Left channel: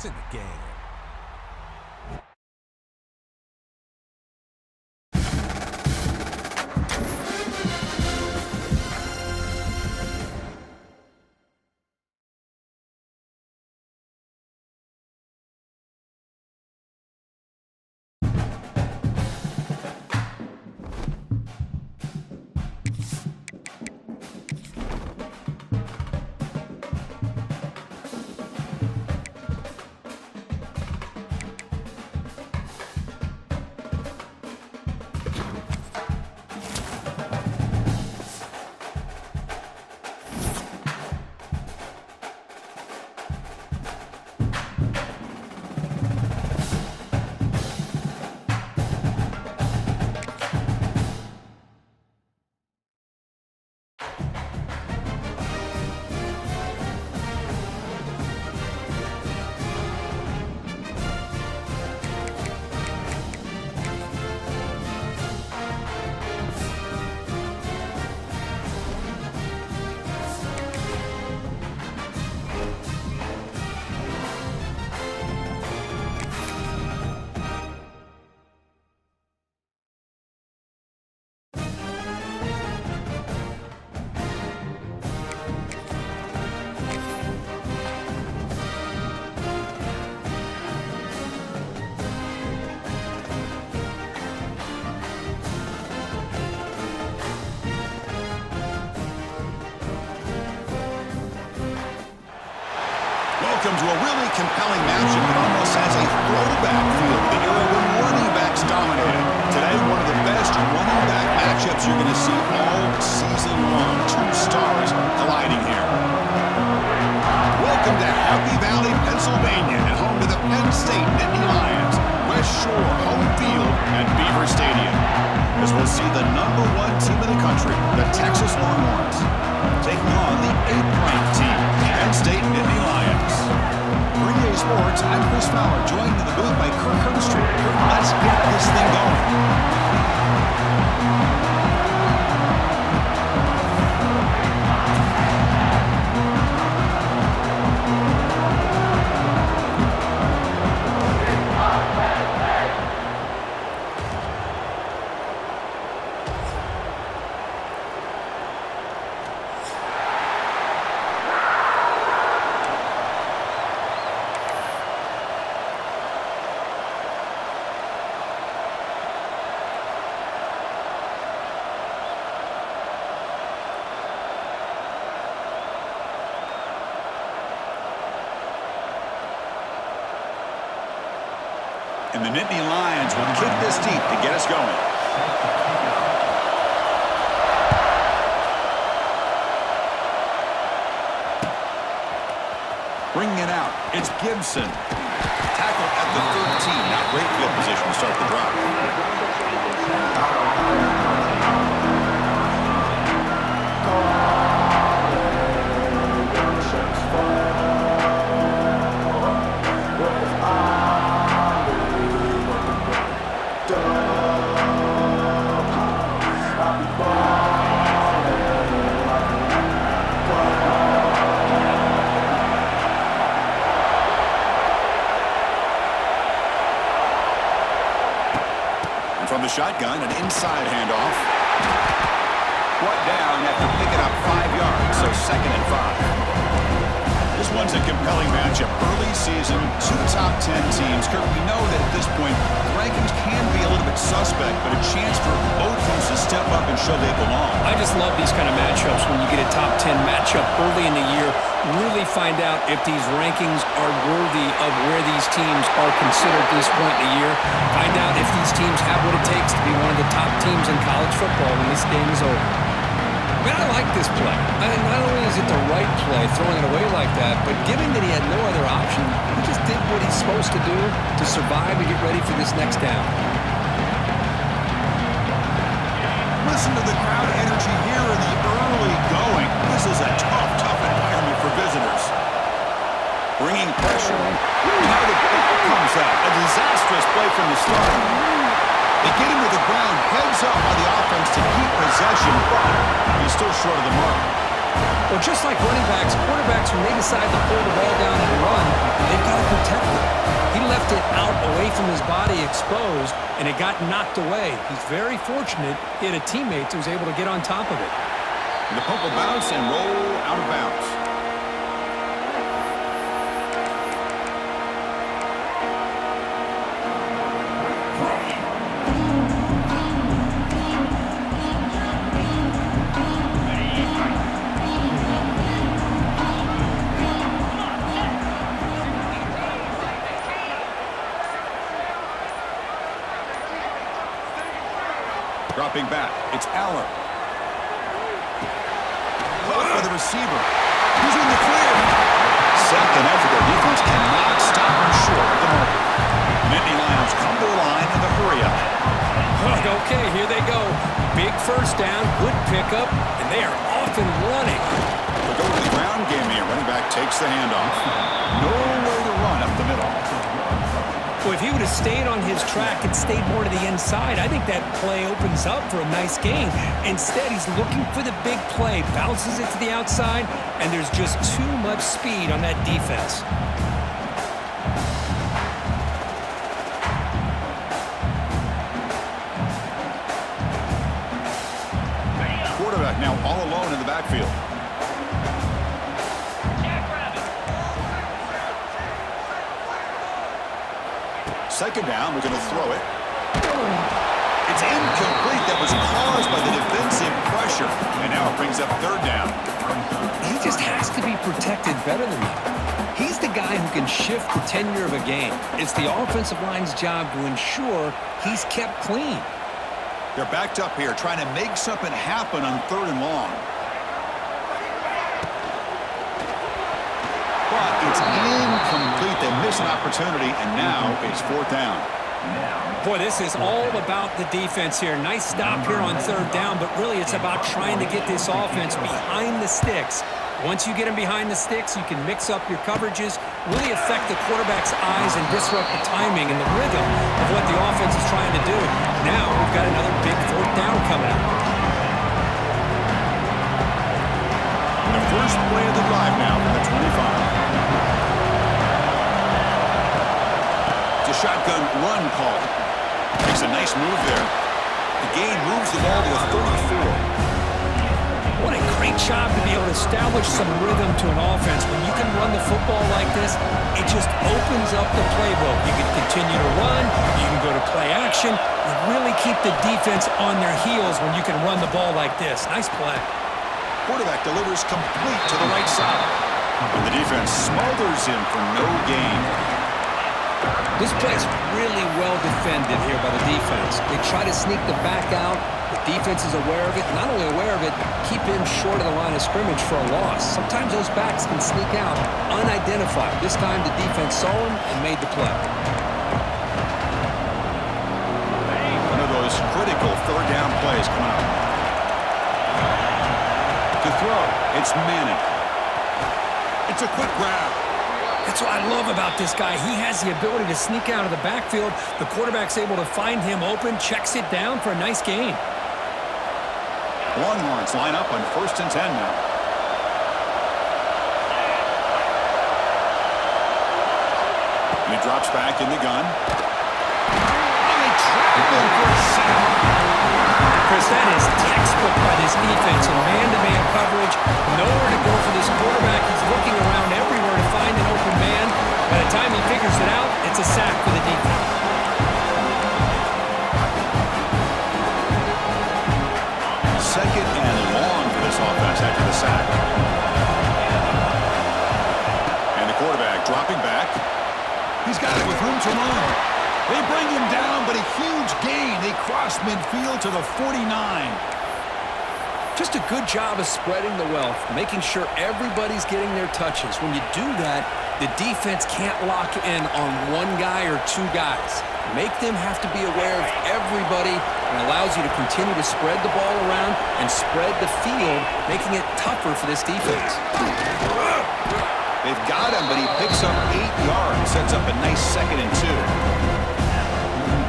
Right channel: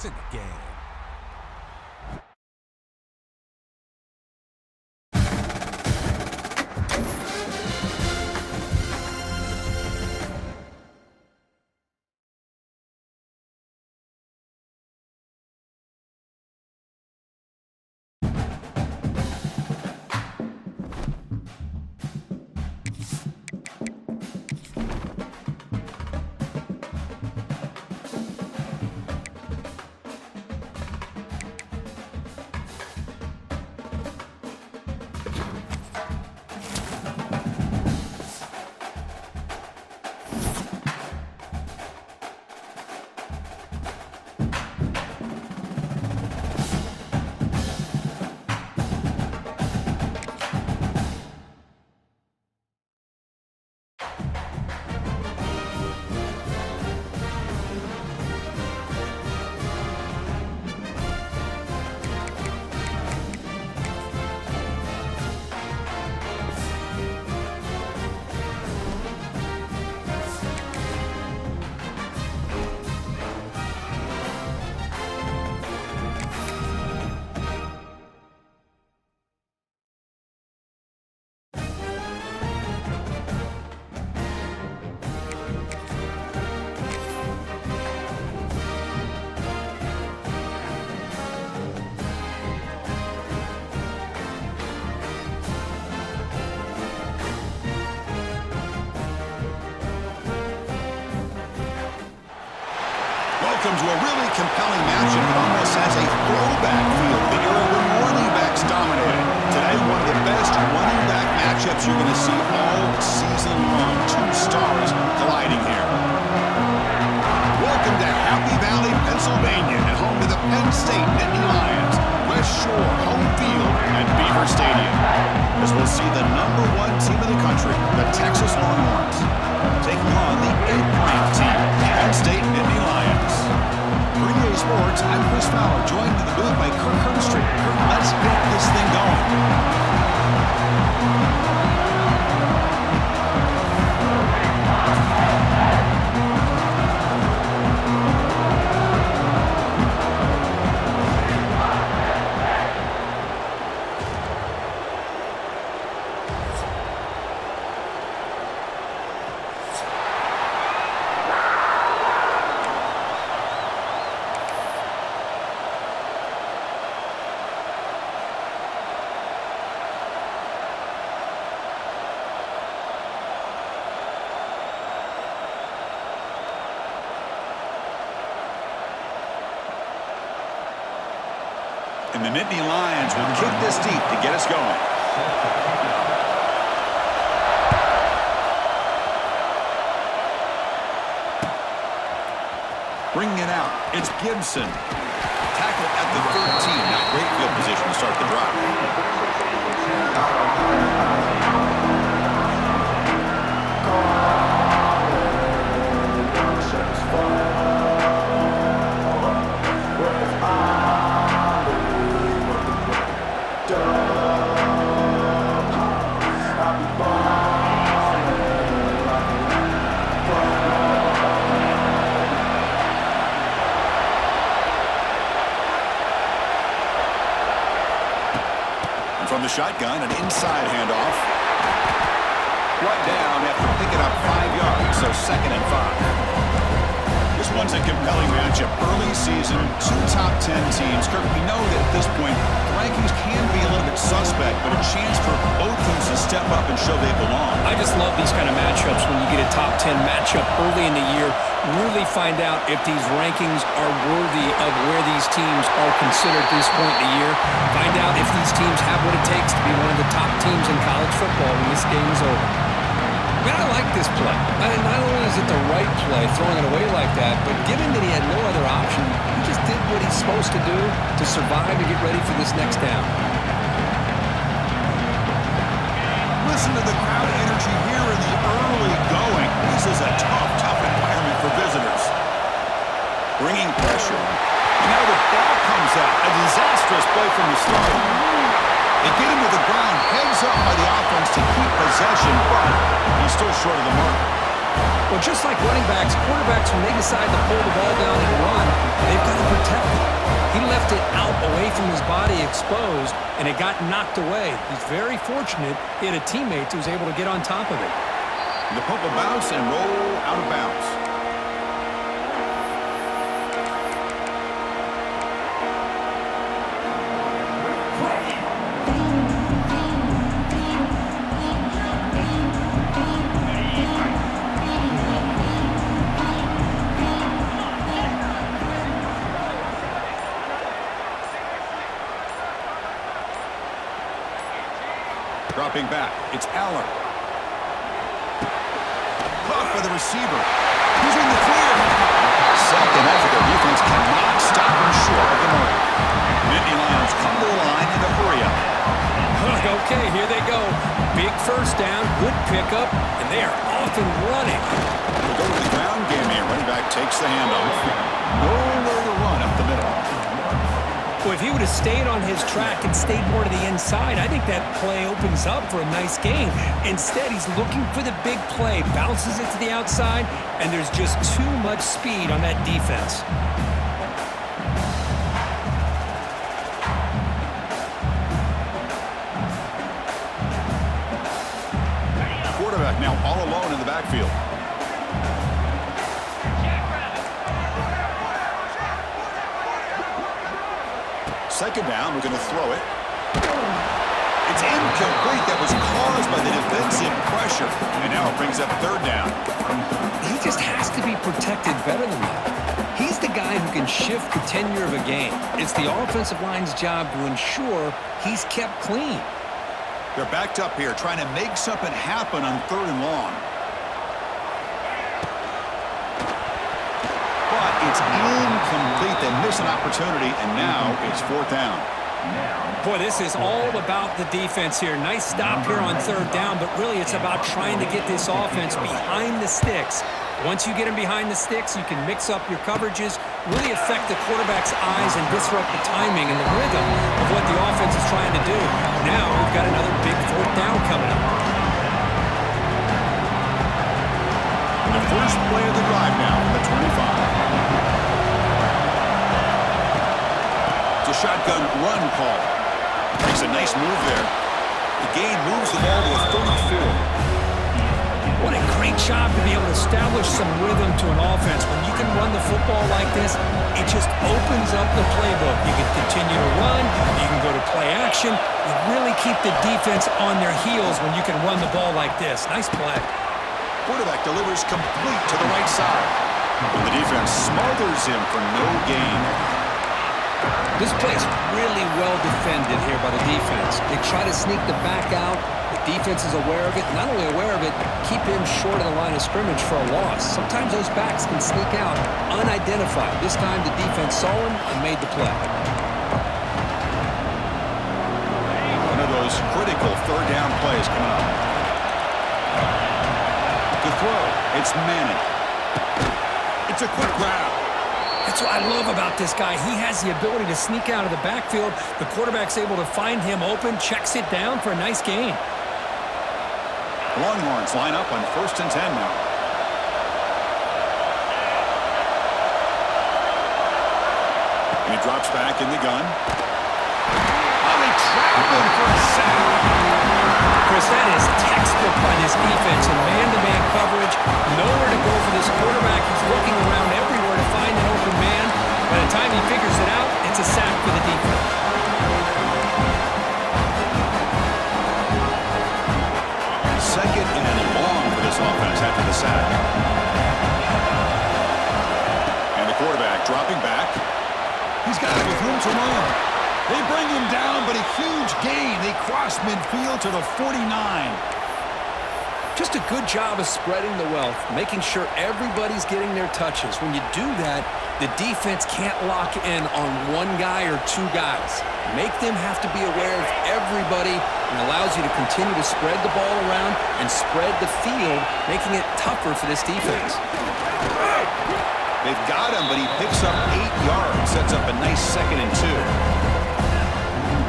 to the game. Welcome to a really compelling matchup that almost has a throwback feel to the era when running backs dominated. Today, one of the best running back matchups you're going to see all season long. Two stars colliding here. Welcome to Happy Valley, Pennsylvania, and home to the Penn State Nittany Lions. West Shore home field at Beaver Stadium. As we'll see the #1 team in the country, the Texas Longhorns, taking on the 8th-ranked team, Penn State Nittany Lions. For EA Sports, I'm Chris Fowler, joined in the booth by Kirk Herbstreit. Kirk, let's get this thing going. And the Nittany Lions will kick this deep to get us going. Bringing it out, it's Gibson. Tackle at the 13. Not great field position to start the drive. From the shotgun, an inside handoff. Brought down after picking up 5 yards, so 2nd and 5. This one's a compelling matchup. Early season, 2 top 10 teams. Kirk, we know that at this point, the rankings can be a little bit suspect, but a chance for both teams to step up and show they belong. I just love these kind of matchups when you get a top 10 matchup early in the year. Really find out if these rankings are worthy of where these teams are considered at this point in the year. Find out if these teams have what it takes to be one of the top teams in college football when this game is over. I mean, I like this play. Not only is it the right play, throwing it away like that, but given that he had no other option, he just did what he's supposed to do to survive and get ready for this next down. Listen to the crowd energy here in the early going. This is a tough environment for visitors. Bringing pressure. And now the ball comes out. A disastrous play from the start. They get him to the ground, heads up by the offense to keep possession, but he's still short of the mark. Well, just like running backs, quarterbacks, when they decide to pull the ball down and run, they've got to protect it. He left it out away from his body exposed, and it got knocked away. He's very fortunate he had a teammate who was able to get on top of it. The punt will bounce and roll out of bounds. Dropping back, it's Aller. Caught by the receiver. He's in the clear. Second effort, their defense cannot stop him short of the marker. Nittany Lions come to the line in the hurry up. Okay, here they go. Big first down, good pickup, and they are off and running. We'll go to the ground game here. Running back takes the handoff. Nowhere to run up the middle. Well, if he would have stayed on his track and stayed more to the inside, I think that play opens up for a nice gain. Instead, he's looking for the big play, bounces it to the outside, and there's just too much speed on that defense. Quarterback now all alone in the backfield. Second down, we're going to throw it. It's incomplete. That was caused by the defensive pressure. And now it brings up third down. He just has to be protected better than that. He's the guy who can shift the tenure of a game. It's the offensive line's job to ensure he's kept clean. They're backed up here trying to make something happen on third and long. But it's incomplete. They miss an opportunity, and now it's fourth down. Boy, this is all about the defense here. Nice stop here on third down, but really it's about trying to get this offense behind the sticks. Once you get them behind the sticks, you can mix up your coverages, really affect the quarterback's eyes and disrupt the timing and the rhythm of what the offense is trying to do. Now we've got another big fourth down coming up. The first play of the drive now from the 25. It's a shotgun run call. Makes a nice move there. The gain moves the ball to a 34. What a great job to be able to establish some rhythm to an offense. When you can run the football like this, it just opens up the playbook. You can continue to run. You can go to play action. You really keep the defense on their heels when you can run the ball like this. Nice play. Quarterback delivers complete to the right side. And the defense smothers him for no gain. This play is really well defended here by the defense. They try to sneak the back out. The defense is aware of it. Not only aware of it, keep him short of the line of scrimmage for a loss. Sometimes those backs can sneak out unidentified. This time the defense saw him and made the play. One of those critical third down plays coming up. To throw, it's Manning. It's a quick grab. That's what I love about this guy. He has the ability to sneak out of the backfield. The quarterback's able to find him open, checks it down for a nice gain. The Longhorns line up on 1st and 10 now. And he drops back in the gun. Oh, they trap him for a sack. Chris, that is textbook by this defense in man-to-man coverage. Nowhere to go for this quarterback. He's looking around everywhere to find an open man. By the time he figures it out, it's a sack for the defense. Second and long for this offense after the sack. And the quarterback dropping back. He's got it with room to run. They bring him down, but a huge gain. They cross midfield to the 49. Just a good job of spreading the wealth, making sure everybody's getting their touches. When you do that, the defense can't lock in on one guy or two guys. Make them have to be aware of everybody, and allows you to continue to spread the ball around and spread the field, making it tougher for this defense. They've got him, but he picks up 8 yards, sets up a nice 2nd and 2.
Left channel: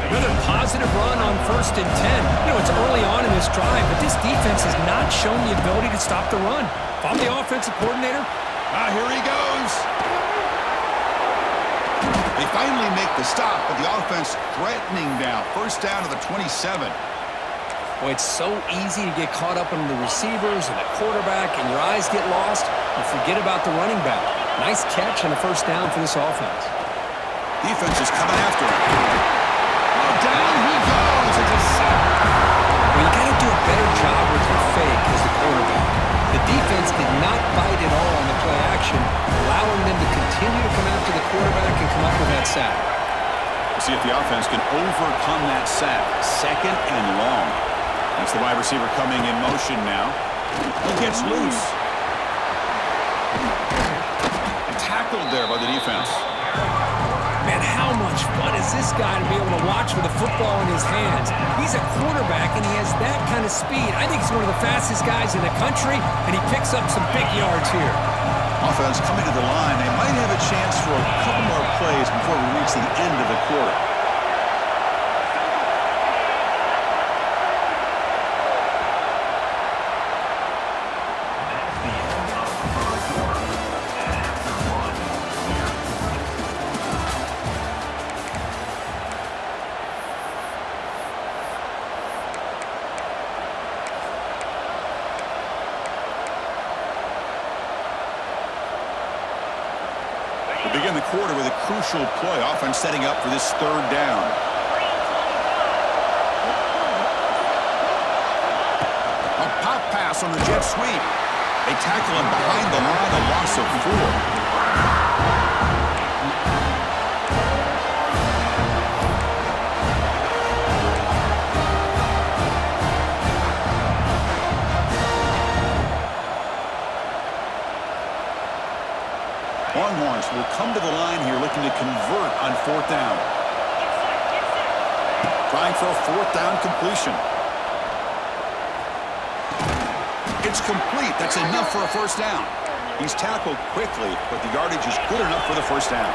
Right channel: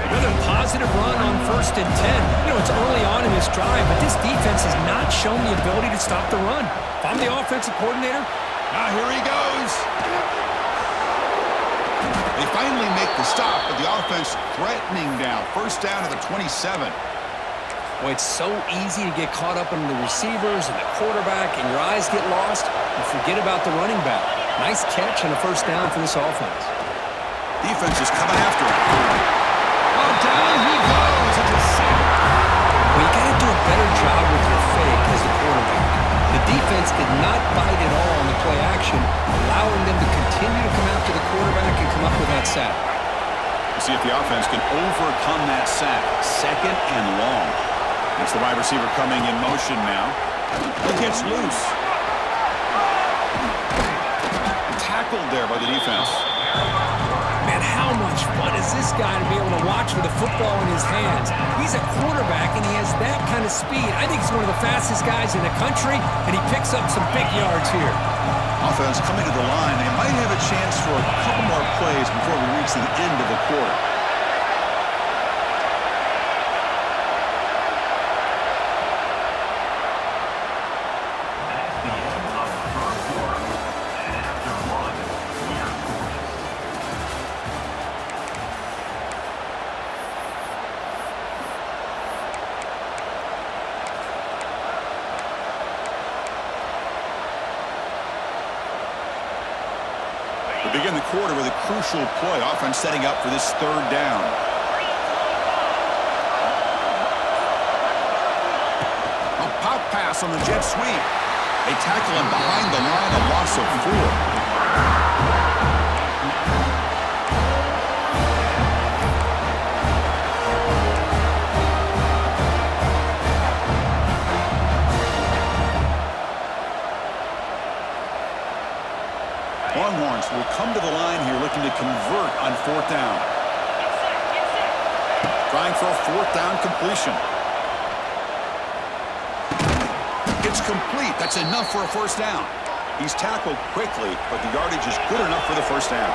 Another positive run on 1st and 10. You know, it's early on in this drive, but this defense has not shown the ability to stop the run. If I'm the offensive coordinator, here he goes. They finally make the stop, but the offense threatening now. First down to the 27. Boy, it's so easy to get caught up in the receivers and the quarterback, and your eyes get lost, and forget about the running back. Nice catch and a first down for this offense. Defense is coming after him. Oh, down he goes. It's a sack. Well, you got to do a better job with your fake as the quarterback. The defense did not bite at all on the play action, allowing them to continue to come after the quarterback and come up with that sack. We'll see if the offense can overcome that sack. Second and long. That's the wide receiver coming in motion now. He gets loose. And tackled there by the defense. Man, how much fun is this guy to be able to watch with a football in his hands? He's a quarterback, and he has that kind of speed. I think he's one of the fastest guys in the country, and he picks up some big yards here. Offense coming to the line. They might have a chance for a couple more plays before we reach the end of the quarter. We begin the quarter with a crucial play. Offense setting up for this third down. A pop pass on the jet sweep. They tackle him behind the line, a loss of 4. Longhorns will come to the line here looking to convert on fourth down. Trying for a fourth down completion. It's complete. That's enough for a first down. He's tackled quickly, but the yardage is good enough for the first down.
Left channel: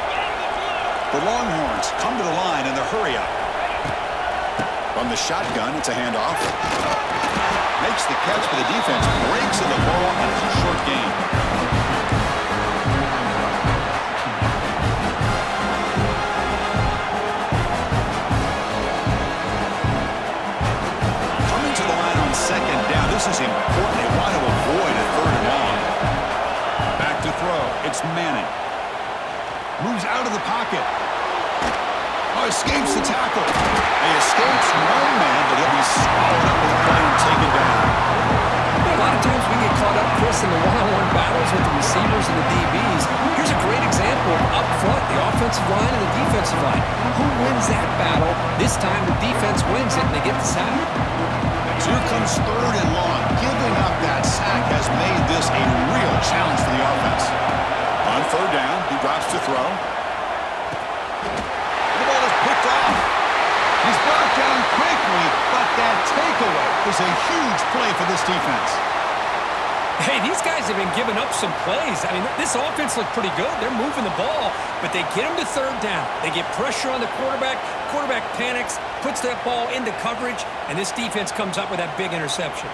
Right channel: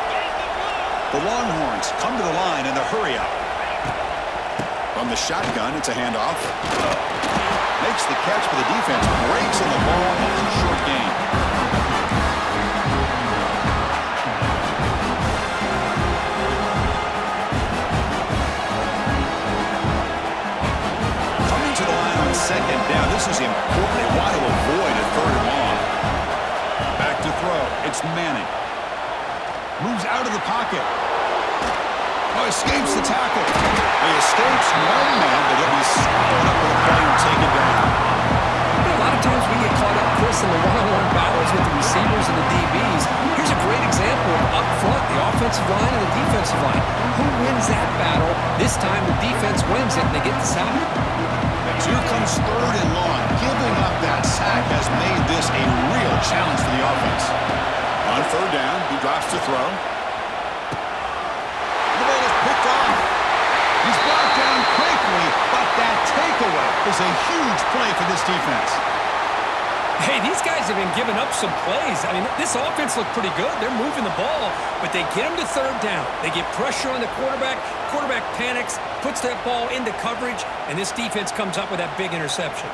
The Longhorns come to the line in the hurry up. From the shotgun, it's a handoff. Makes the catch for the defense. Breaks in the ball, and it's a short gain. Second down. This is important. They want to avoid a third and long. Back to throw. It's Manning. Moves out of the pocket. Oh, escapes the tackle. He escapes one man, but he'll be swallowed up with a play and taken down. A lot of times we get caught up, Chris, in the one-on-one battles with the receivers and the DBs. Here's a great example of up front, the offensive line and the defensive line. Who wins that battle? This time the defense wins it, and they get the sack. Here comes third and long. Giving up that sack has made this a real challenge for the offense. On third down, he drops to throw. The ball is picked off. He's brought down quickly, but that takeaway is a huge play for this defense. Hey, these guys have been giving up some plays. I mean, this offense looked pretty good. They're moving the ball, but they get them to third down. They get pressure on the quarterback. Quarterback panics, puts that ball into coverage, and this defense comes up with that big interception.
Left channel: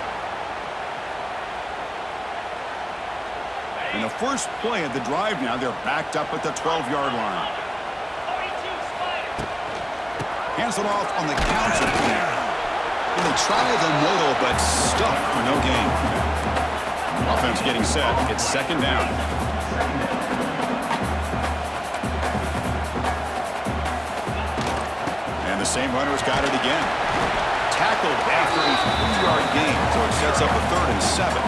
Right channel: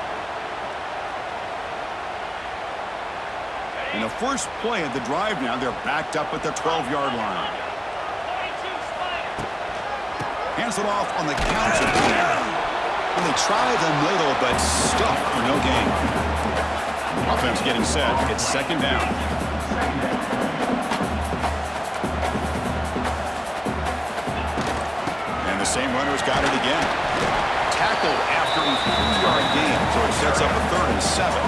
In the first play of the drive now, they're backed up at the 12-yard line. Hands it off on the counter. And they try the middle, but stuffed for no gain. Offense getting set. It's second down. And the same runner's got it again. Tackled after a 3-yard gain, so it sets up a 3rd and 7.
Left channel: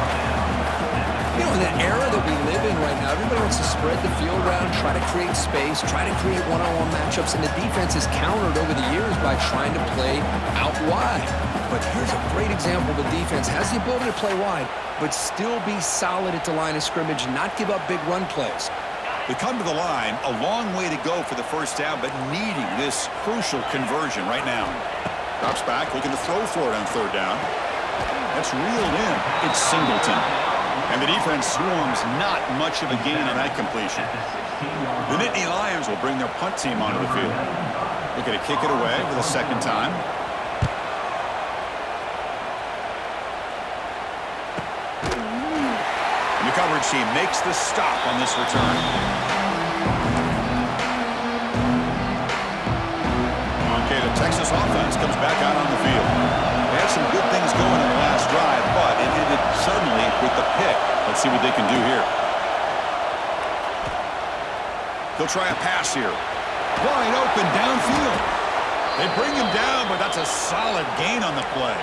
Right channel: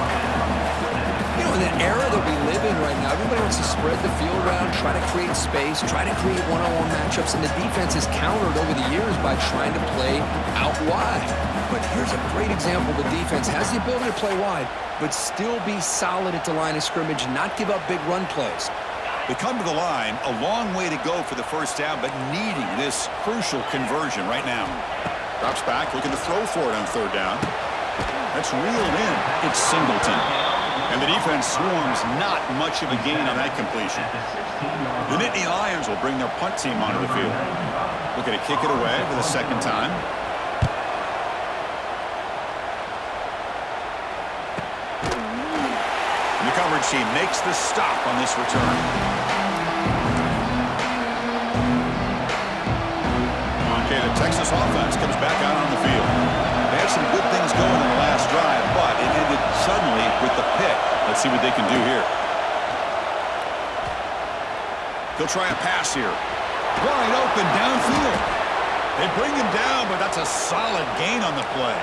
You know, in the era that we live in right now, everybody wants to spread the field around, try to create space, try to create one-on-one matchups, and the defense has countered over the years by trying to play out wide. But here's a great example. The defense has the ability to play wide, but still be solid at the line of scrimmage, not give up big run plays. They come to the line, a long way to go for the first down, but needing this crucial conversion right now. Drops back, looking to throw for it on third down. That's reeled in. It's Singleton. And the defense swarms not much of a gain on that completion. The Nittany Lions will bring their punt team onto the field. Looking to kick it away for the second time. And the The coverage team makes the stop on this return. Okay, the Texas offense comes back out on the field. They had some good things going in the last drive, but it ended suddenly with the pick. Let's see what they can do here. He'll try a pass here. Wide open downfield. They bring him down, but that's a solid gain on the play.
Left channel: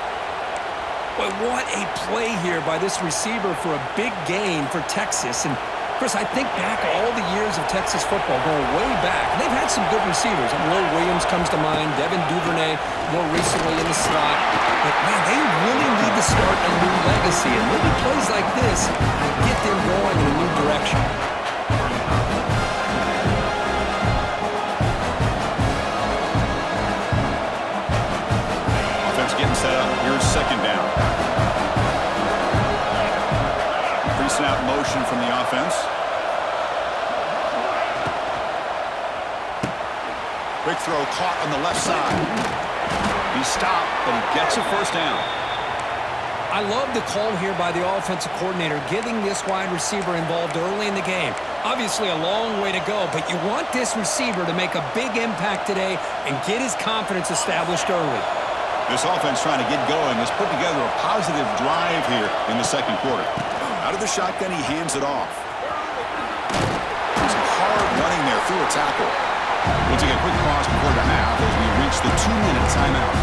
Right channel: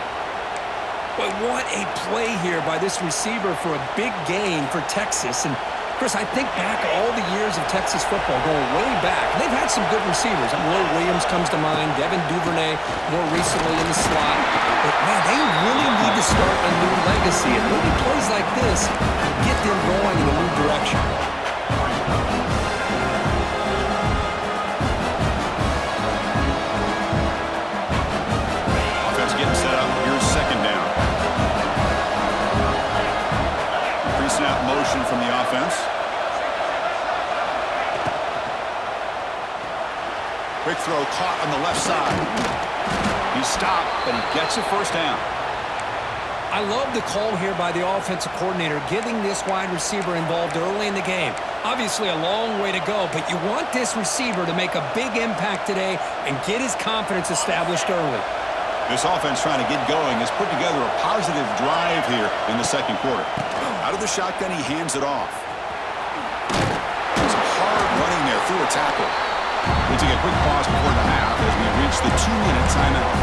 Boy, what a play here by this receiver for a big gain for Texas. And Chris, I think back all the years of Texas football, going way back, and they've had some good receivers. Will Williams comes to mind, Devin Duvernay more recently in the slot. But, man, they really need to start a new legacy, and maybe plays like this can get them going in a new direction. Offense getting set up. Here's second down. Pre-snap motion from the offense. Quick throw caught on the left side. He stopped, but he gets a first down. I love the call here by the offensive coordinator, getting this wide receiver involved early in the game. Obviously a long way to go, but you want this receiver to make a big impact today and get his confidence established early. This offense trying to get going has put together a positive drive here in the second quarter. Out of the shotgun, he hands it off. Some hard running there through a tackle. We'll take a quick pause before the half as we reach the 2-minute timeout.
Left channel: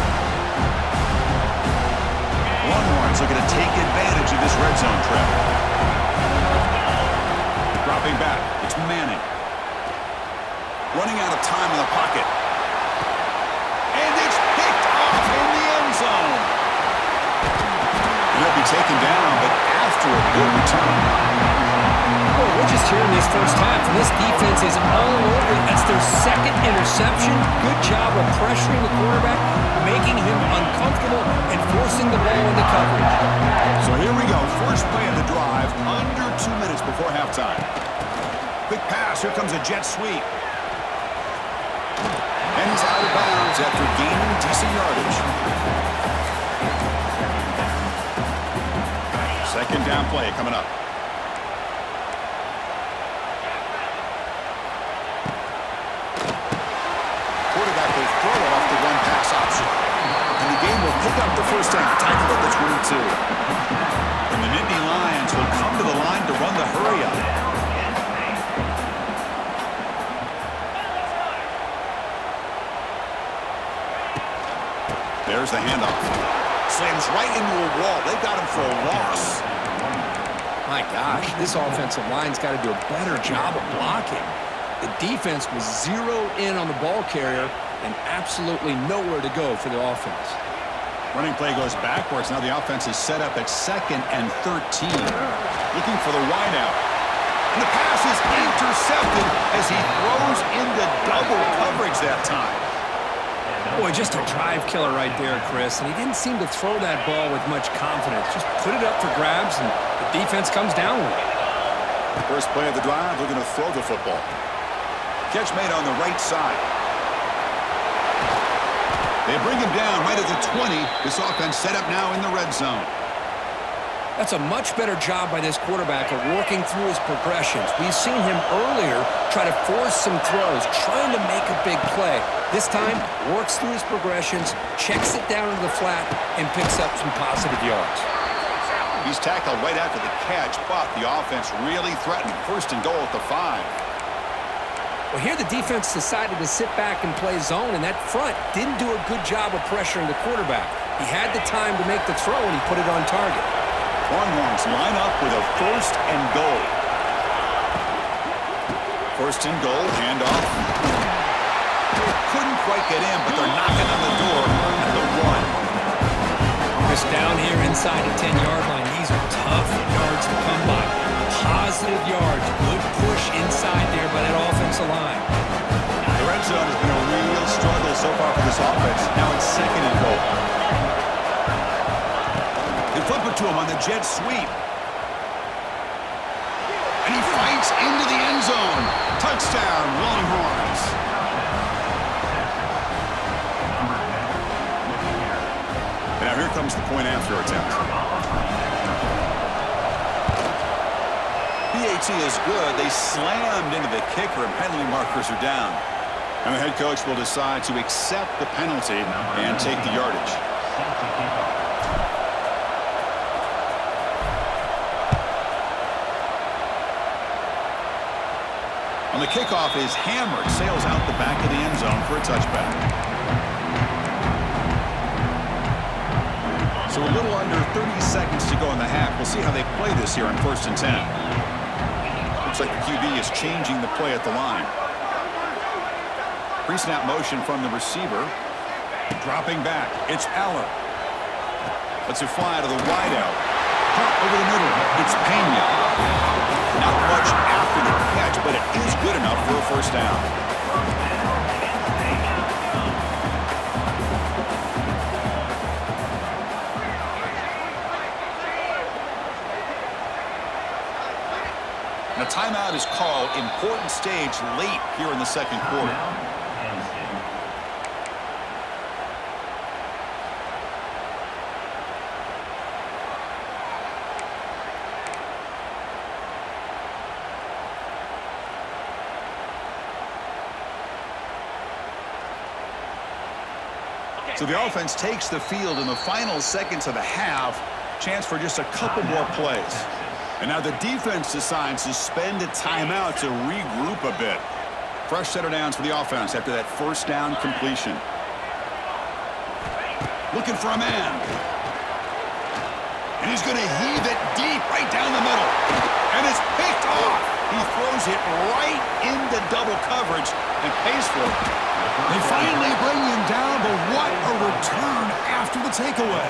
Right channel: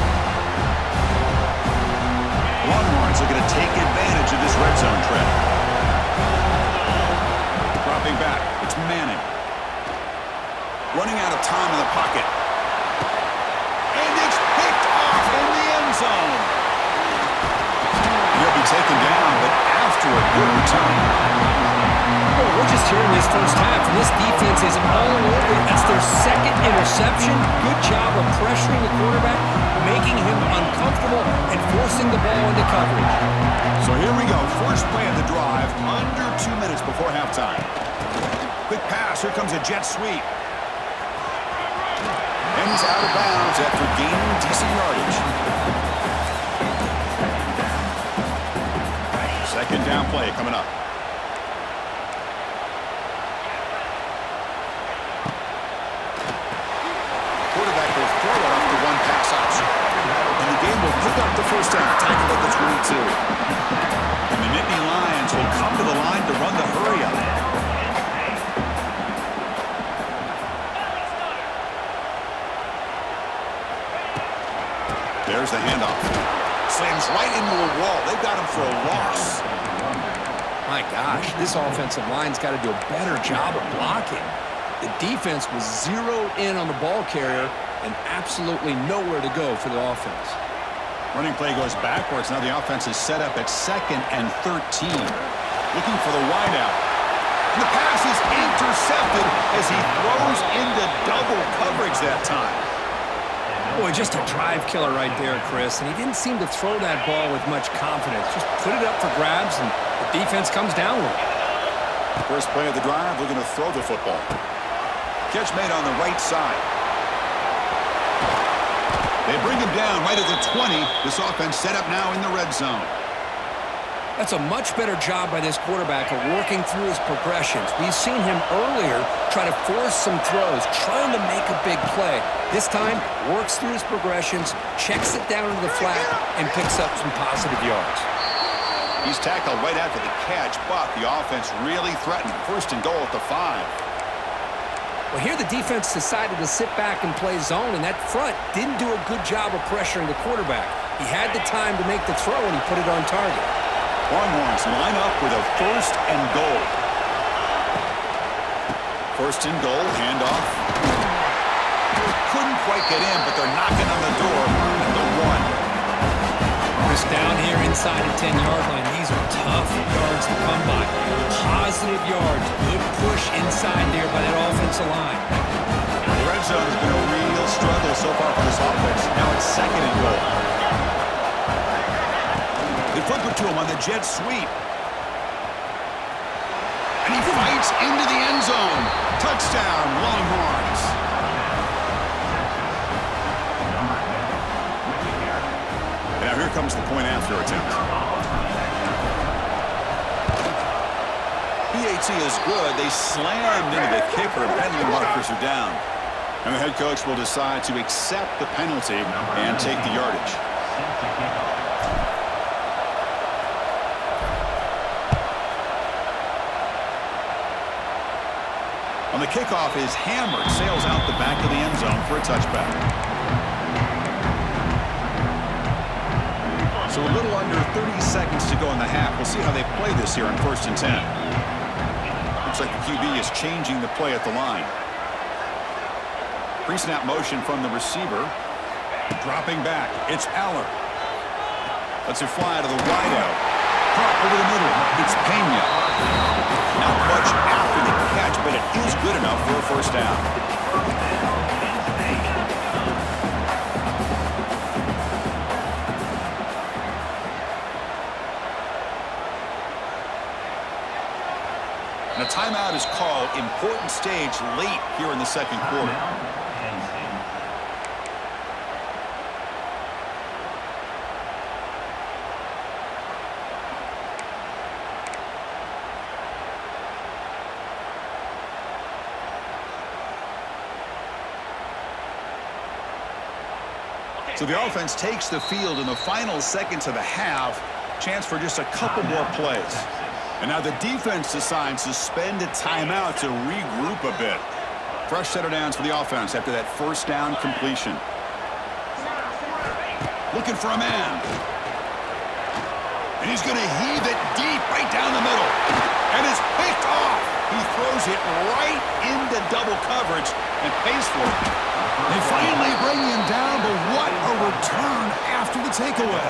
Longhorns looking to take advantage of this red zone trap. Dropping back, it's Manning. Running out of time in the pocket. And it's picked off in the end zone. And he'll be taken down, but after a good return. Well, we're just hearing this first half, and this defense is all over it. That's their second interception. Good job of pressuring the quarterback, making him uncomfortable, and forcing the ball into coverage. So here we go. First play of the drive, under 2 minutes before halftime. Quick pass. Here comes a jet sweep. And he's out of bounds after gaining decent yardage. Second down play coming up. Quarterback will throw it off the one pass option. And the game will pick up the first down, tackled at the 22. And the Nittany Lions will come to the line to run the hurry up. There's the handoff. Slams right into a wall. They've got him for a loss. My gosh, this offensive line's got to do a better job of blocking. The defense was zeroed in on the ball carrier and absolutely nowhere to go for the offense. Running play goes backwards. Now the offense is set up at 2nd and 13. Looking for the wideout. And the pass is intercepted as he throws into double coverage that time. Boy, just a drive killer right there, Chris. And he didn't seem to throw that ball with much confidence. Just put it up for grabs, and the defense comes down with it. First play of the drive, looking to throw the football. Catch made on the right side. They bring him down right at the 20. This offense set up now in the red zone. That's a much better job by this quarterback of working through his progressions. We've seen him earlier try to force some throws, trying to make a big play. This time, works through his progressions, checks it down into the flat, and picks up some positive yards. He's tackled right after the catch, but the offense really threatened. First and goal at the 5. Well, here the defense decided to sit back and play zone, and that front didn't do a good job of pressuring the quarterback. He had the time to make the throw, and he put it on target. Longhorns line up with a first and goal. First and goal, handoff. Couldn't quite get in, but they're knocking on the door at the 1. Chris, down here inside the 10-yard line, these are tough yards to come by. Positive yards, good push inside there by that offensive line. The red zone has been a real struggle so far for this offense. Now it's 2nd and goal. They flip it to him on the jet sweep. And he fights into the end zone. Touchdown, Longhorns. And now here comes the point after attempt. PAT is good. They slammed into the kicker, and penalty markers are down. And the head coach will decide to accept the penalty and take the yardage. On the kickoff is hammered, sails out the back of the end zone for a touchback. So a little under 30 seconds to go in the half. We'll see how they play this here on 1st and 10. Looks like the QB is changing the play at the line. Pre-snap motion from the receiver. Dropping back. It's Aller. Lets it fly to the wideout. Caught over the middle. It's Pena. Not much after the catch, but it is good enough for a first down. And a timeout is called. Important stage late here in the second quarter. So the offense takes the field in the final seconds of the half. Chance for just a couple more plays. And now the defense decides to spend a timeout to regroup a bit. Fresh set of downs for the offense after that first down completion. Looking for a man. And he's going to heave it deep right down the middle. And it's picked off. He throws it right into double coverage and pays for it. They finally bring him down, but what a return after the takeaway.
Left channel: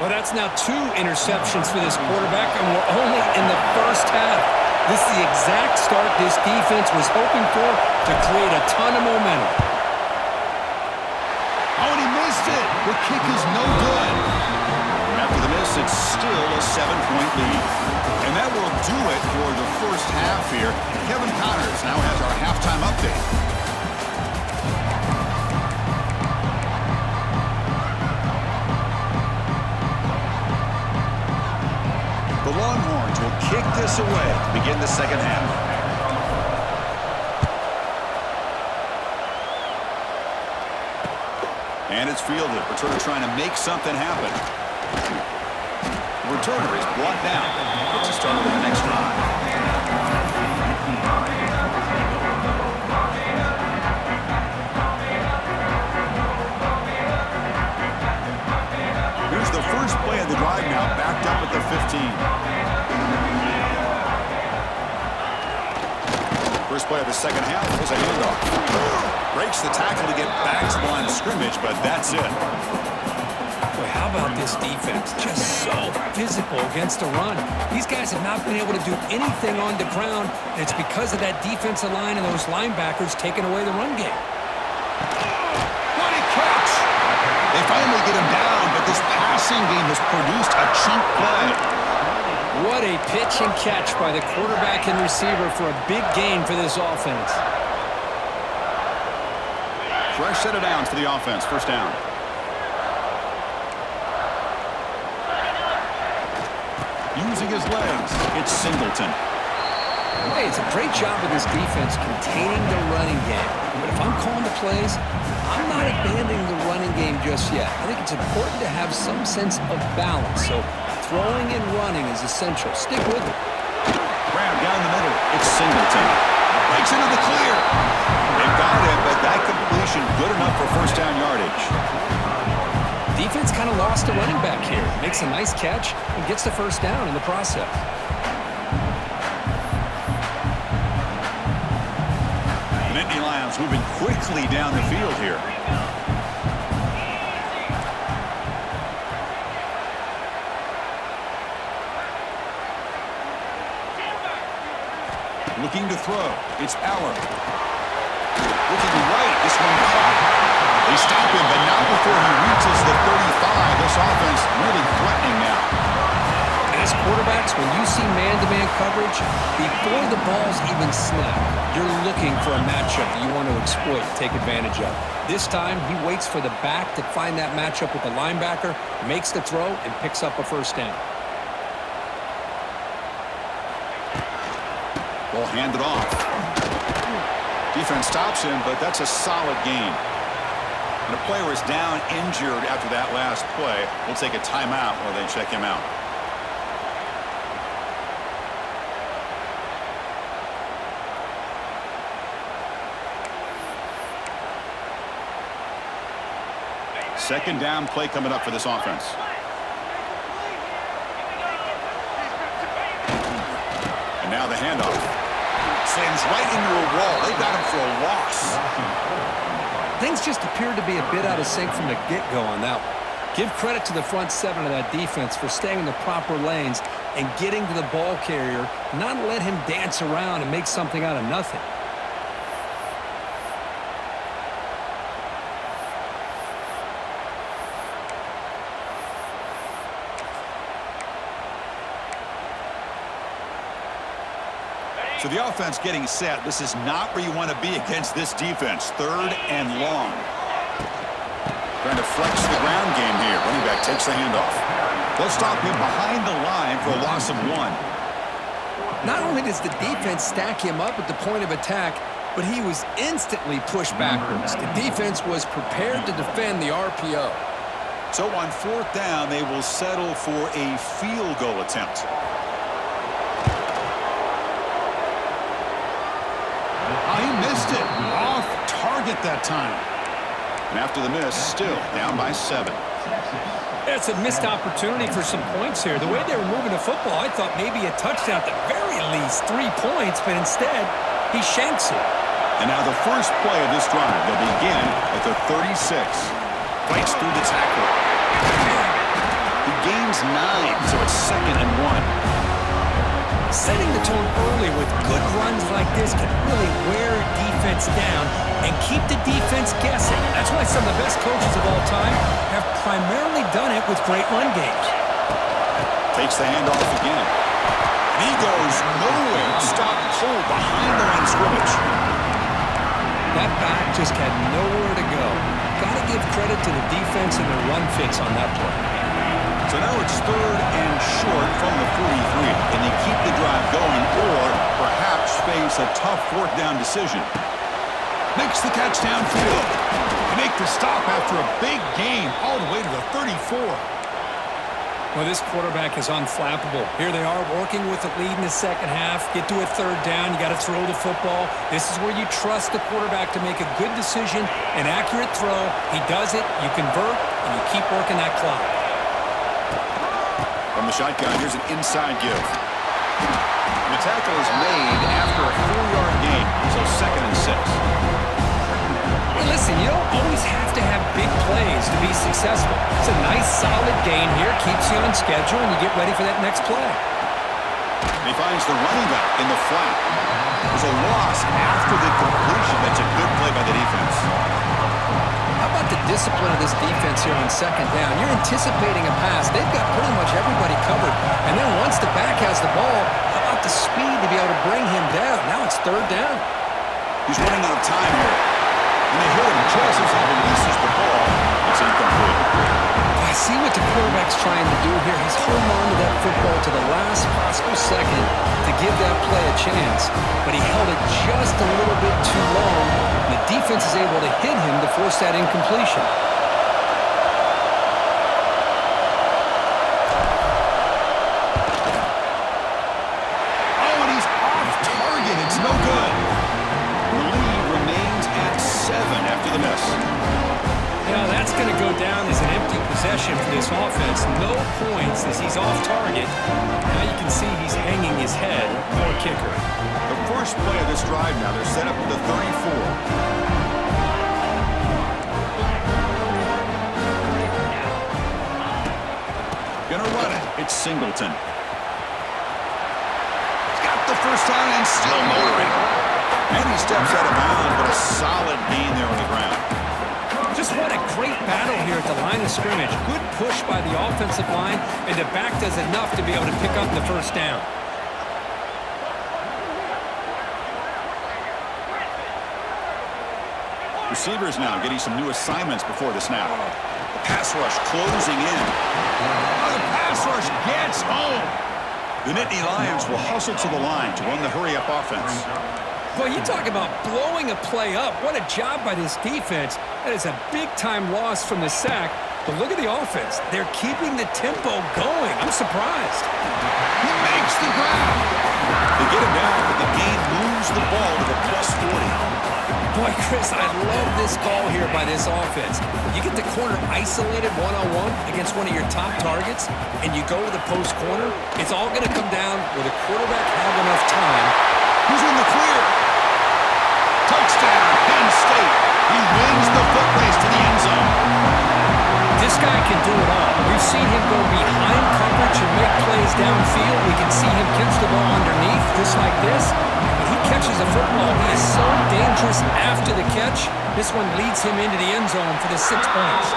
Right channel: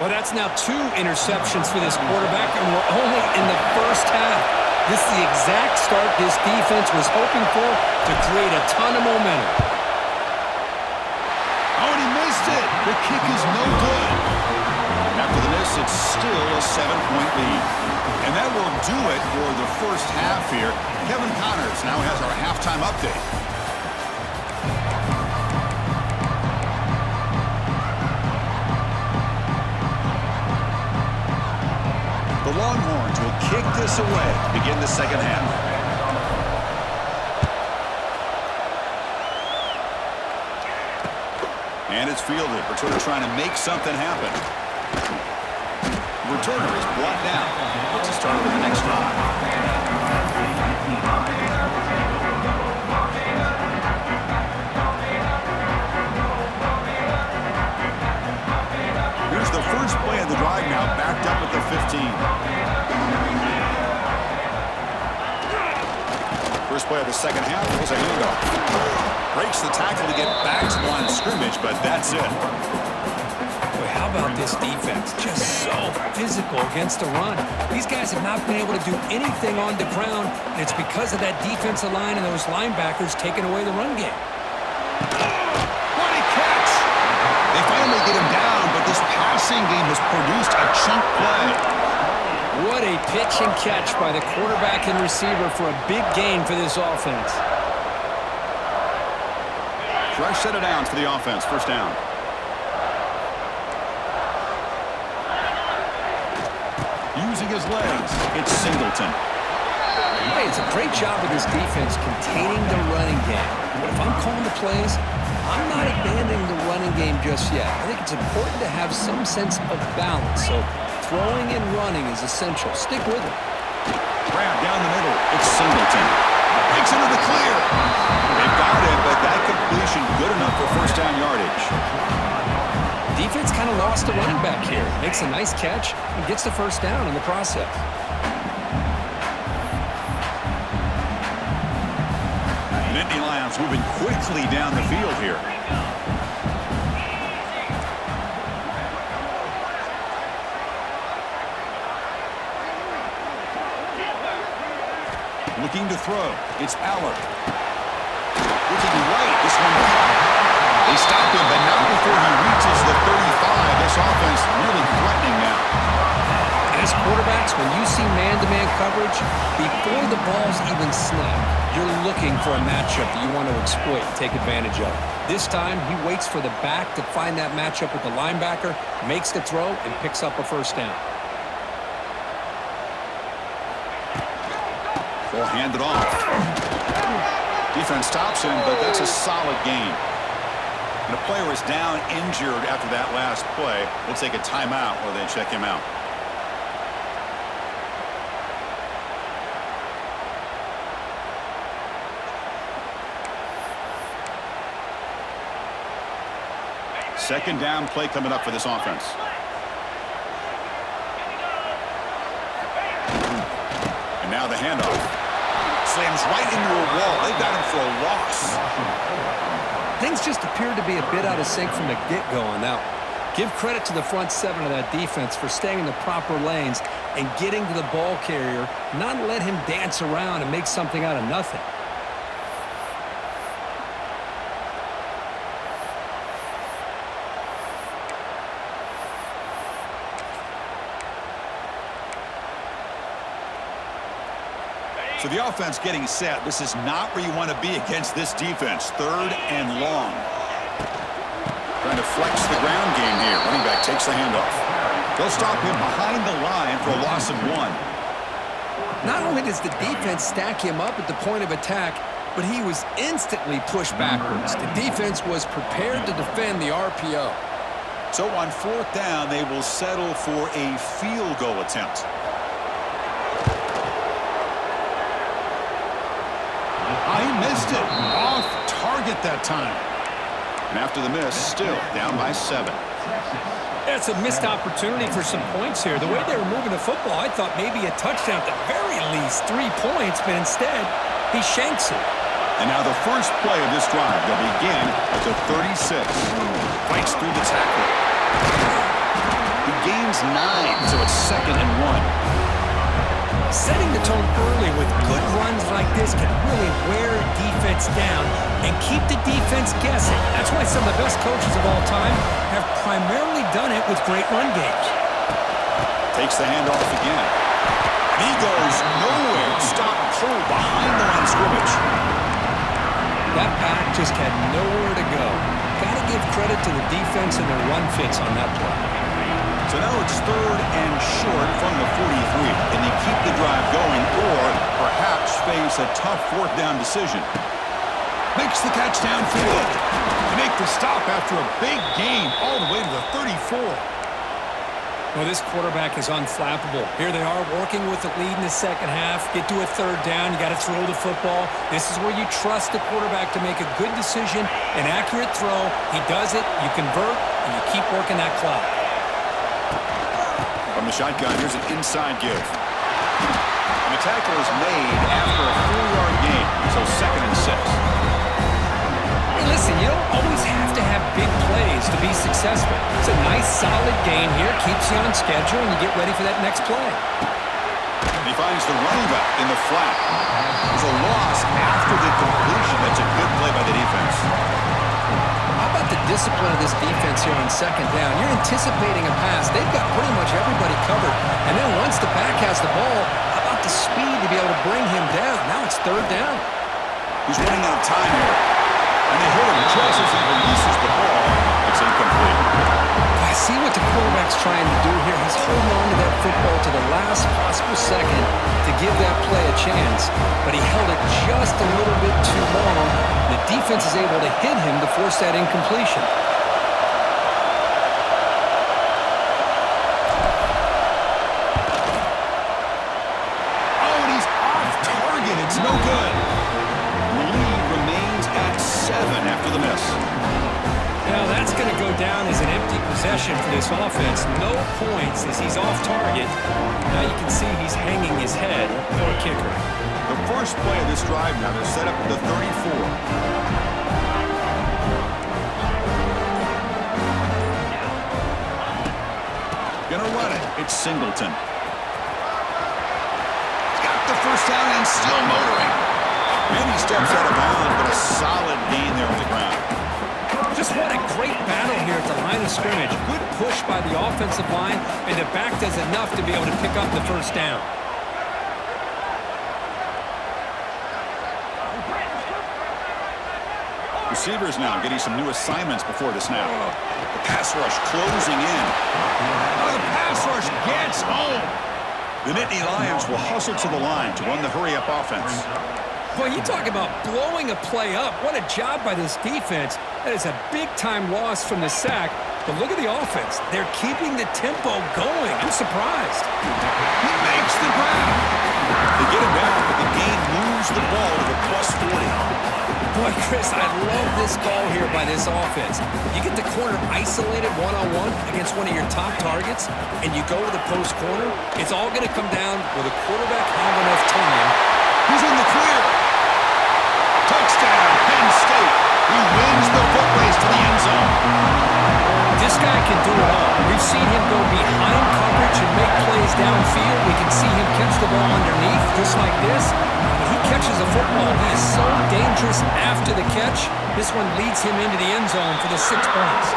Well, that's now 2 interceptions for this quarterback, and we're only in the first half. This is the exact start this defense was hoping for to create a ton of momentum. Oh, and he missed it. The kick is no good. And after the miss, it's still a 7-point lead. And that will do it for the first half here. Kevin Connors now has our halftime update. The Longhorns will kick this away to begin the second half. And it's fielded. Returner trying to make something happen. The returner is brought down. Gets us started with the next drive. Here's the first play of the drive now, backed up at the 15. First play of the second half was a handoff. Breaks the tackle to get back to the line of scrimmage, but that's it. Boy, how about this defense? Just so physical against the run. These guys have not been able to do anything on the ground, and it's because of that defensive line and those linebackers taking away the run game. What a catch! They finally get him down, but this passing game has produced a chunk play. What a pitch and catch by the quarterback and receiver for a big gain for this offense. Fresh set of downs for the offense. First down. Using his legs, it's Singleton. Hey, it's a great job of this defense containing the running game. But if I'm calling the plays, I'm not abandoning the running game just yet. I think it's important to have some sense of balance. So throwing and running is essential. Stick with it. Grab down the middle. It's Singleton. Breaks into the clear. They've got it, but that completion good enough for first down yardage. Defense kind of lost the running back here. Makes a nice catch and gets the first down in the process. The Nittany Lions moving quickly down the field here. Looking to throw. It's Aller. Looking right. This one caught. They stop him, but not before he reaches the 35. This offense really threatening now. As quarterbacks, when you see man-to-man coverage, before the ball's even snapped, you're looking for a matchup that you want to exploit, take advantage of. This time, he waits for the back to find that matchup with the linebacker, makes the throw, and picks up a first down. Will hand it off. Defense stops him, but that's a solid gain. And a player is down injured after that last play. We'll take a timeout while they check him out. Second down play coming up for this offense. And now the handoff. Slams right into a wall. They got him for a loss. Things just appeared to be a bit out of sync from the get-go on that one. Give credit to the front seven of that defense for staying in the proper lanes and getting to the ball carrier, not let him dance around and make something out of nothing. So the offense getting set. This is not where you want to be against this defense. Third and long. Trying to flex the ground game here. Running back takes the handoff. They'll stop him behind the line for a loss of 1. Not only does the defense stack him up at the point of attack, but he was instantly pushed backwards. The defense was prepared to defend the RPO. So on 4th down, they will settle for a field goal attempt. He missed it. Off target that time. And after the miss, still down by 7. It's a missed opportunity for some points here. The way they were moving the football, I thought maybe a touchdown at the very least, 3 points, but instead, he shanks it. And now the first play of this drive. They'll begin at the 36. Fights through the tackle. He gains 9, so it's 2nd and 1. Setting the tone early with good runs like this can really wear a defense down and keep the defense guessing. That's why some of the best coaches of all time have primarily done it with great run games. Takes the handoff again. And he goes nowhere. Stopped cold behind the line of scrimmage. That back just had nowhere to go. Got to give credit to the defense and their run fits on that play. So now it's 3rd and short from the 43. Can they keep the drive going or perhaps face a tough 4th down decision? Makes the catch downfield. They make the stop after a big gain all the way to the 34. Well, this quarterback is unflappable. Here they are working with the lead in the second half. Get to a 3rd down. You got to throw the football. This is where you trust the quarterback to make a good decision, an accurate throw. He does it. You convert, and you keep working that clock. From the shotgun, here's an inside give. And the tackle is made after a 4-yard gain, so 2nd and 6. Hey, listen, you don't always have to have big plays to be successful. It's a nice, solid gain here, keeps you on schedule, and you get ready for that next play. And he finds the running back in the flat. There's a loss after the completion. That's a good play by the defense. How about the discipline of this defense here on 2nd down? You're anticipating a pass. They've got pretty much everybody covered. And then once the back has the ball, how about the speed to be able to bring him down? Now it's 3rd down. He's running out of time here. And they hit him just as he releases the ball. It's incomplete. I see what the quarterback's trying to do here. He's holding on to that football to the last possible second to give that play a chance. But he held it just a little bit too long. The defense is able to hit him to force that incompletion. Oh, and he's off target. It's no good. And the lead remains at 7 after the miss. Now that's going to go down as an empty possession for this offense. No points as he's off target. Now you can see he's hanging his head. Poor kicker. The first play of this drive now, they're set up at the 34. Gonna run it. It's Singleton. He's got the first down and still motoring. And he steps out of bounds, but a solid gain there on the ground. Just what a great battle here at the line of scrimmage. Good push by the offensive line, and the back does enough to be able to pick up the first down. Receivers now getting some new assignments before the snap. The pass rush closing in. Oh, the pass rush gets home. The Nittany Lions will hustle to the line to run the hurry-up offense. Well, you talk about blowing a play up. What a job by this defense. That is a big-time loss from the sack. But look at the offense. They're keeping the tempo going. I'm surprised. He makes the grab. They get him down, but the game moves the ball to the +40. Boy, Chris, I love this call here by this offense. You get the corner isolated one-on-one against one of your top targets, and you go to the post corner, it's all going to come down will the quarterback have enough time. Who's in the clear? Touchdown, Penn State. He wins the foot race to the end zone. This guy can do it all. We've seen him go behind coverage and make plays downfield. We can see him catch the ball underneath, just like this. When he catches a football, he is so dangerous after the catch. This one leads him into the end zone for the 6 points.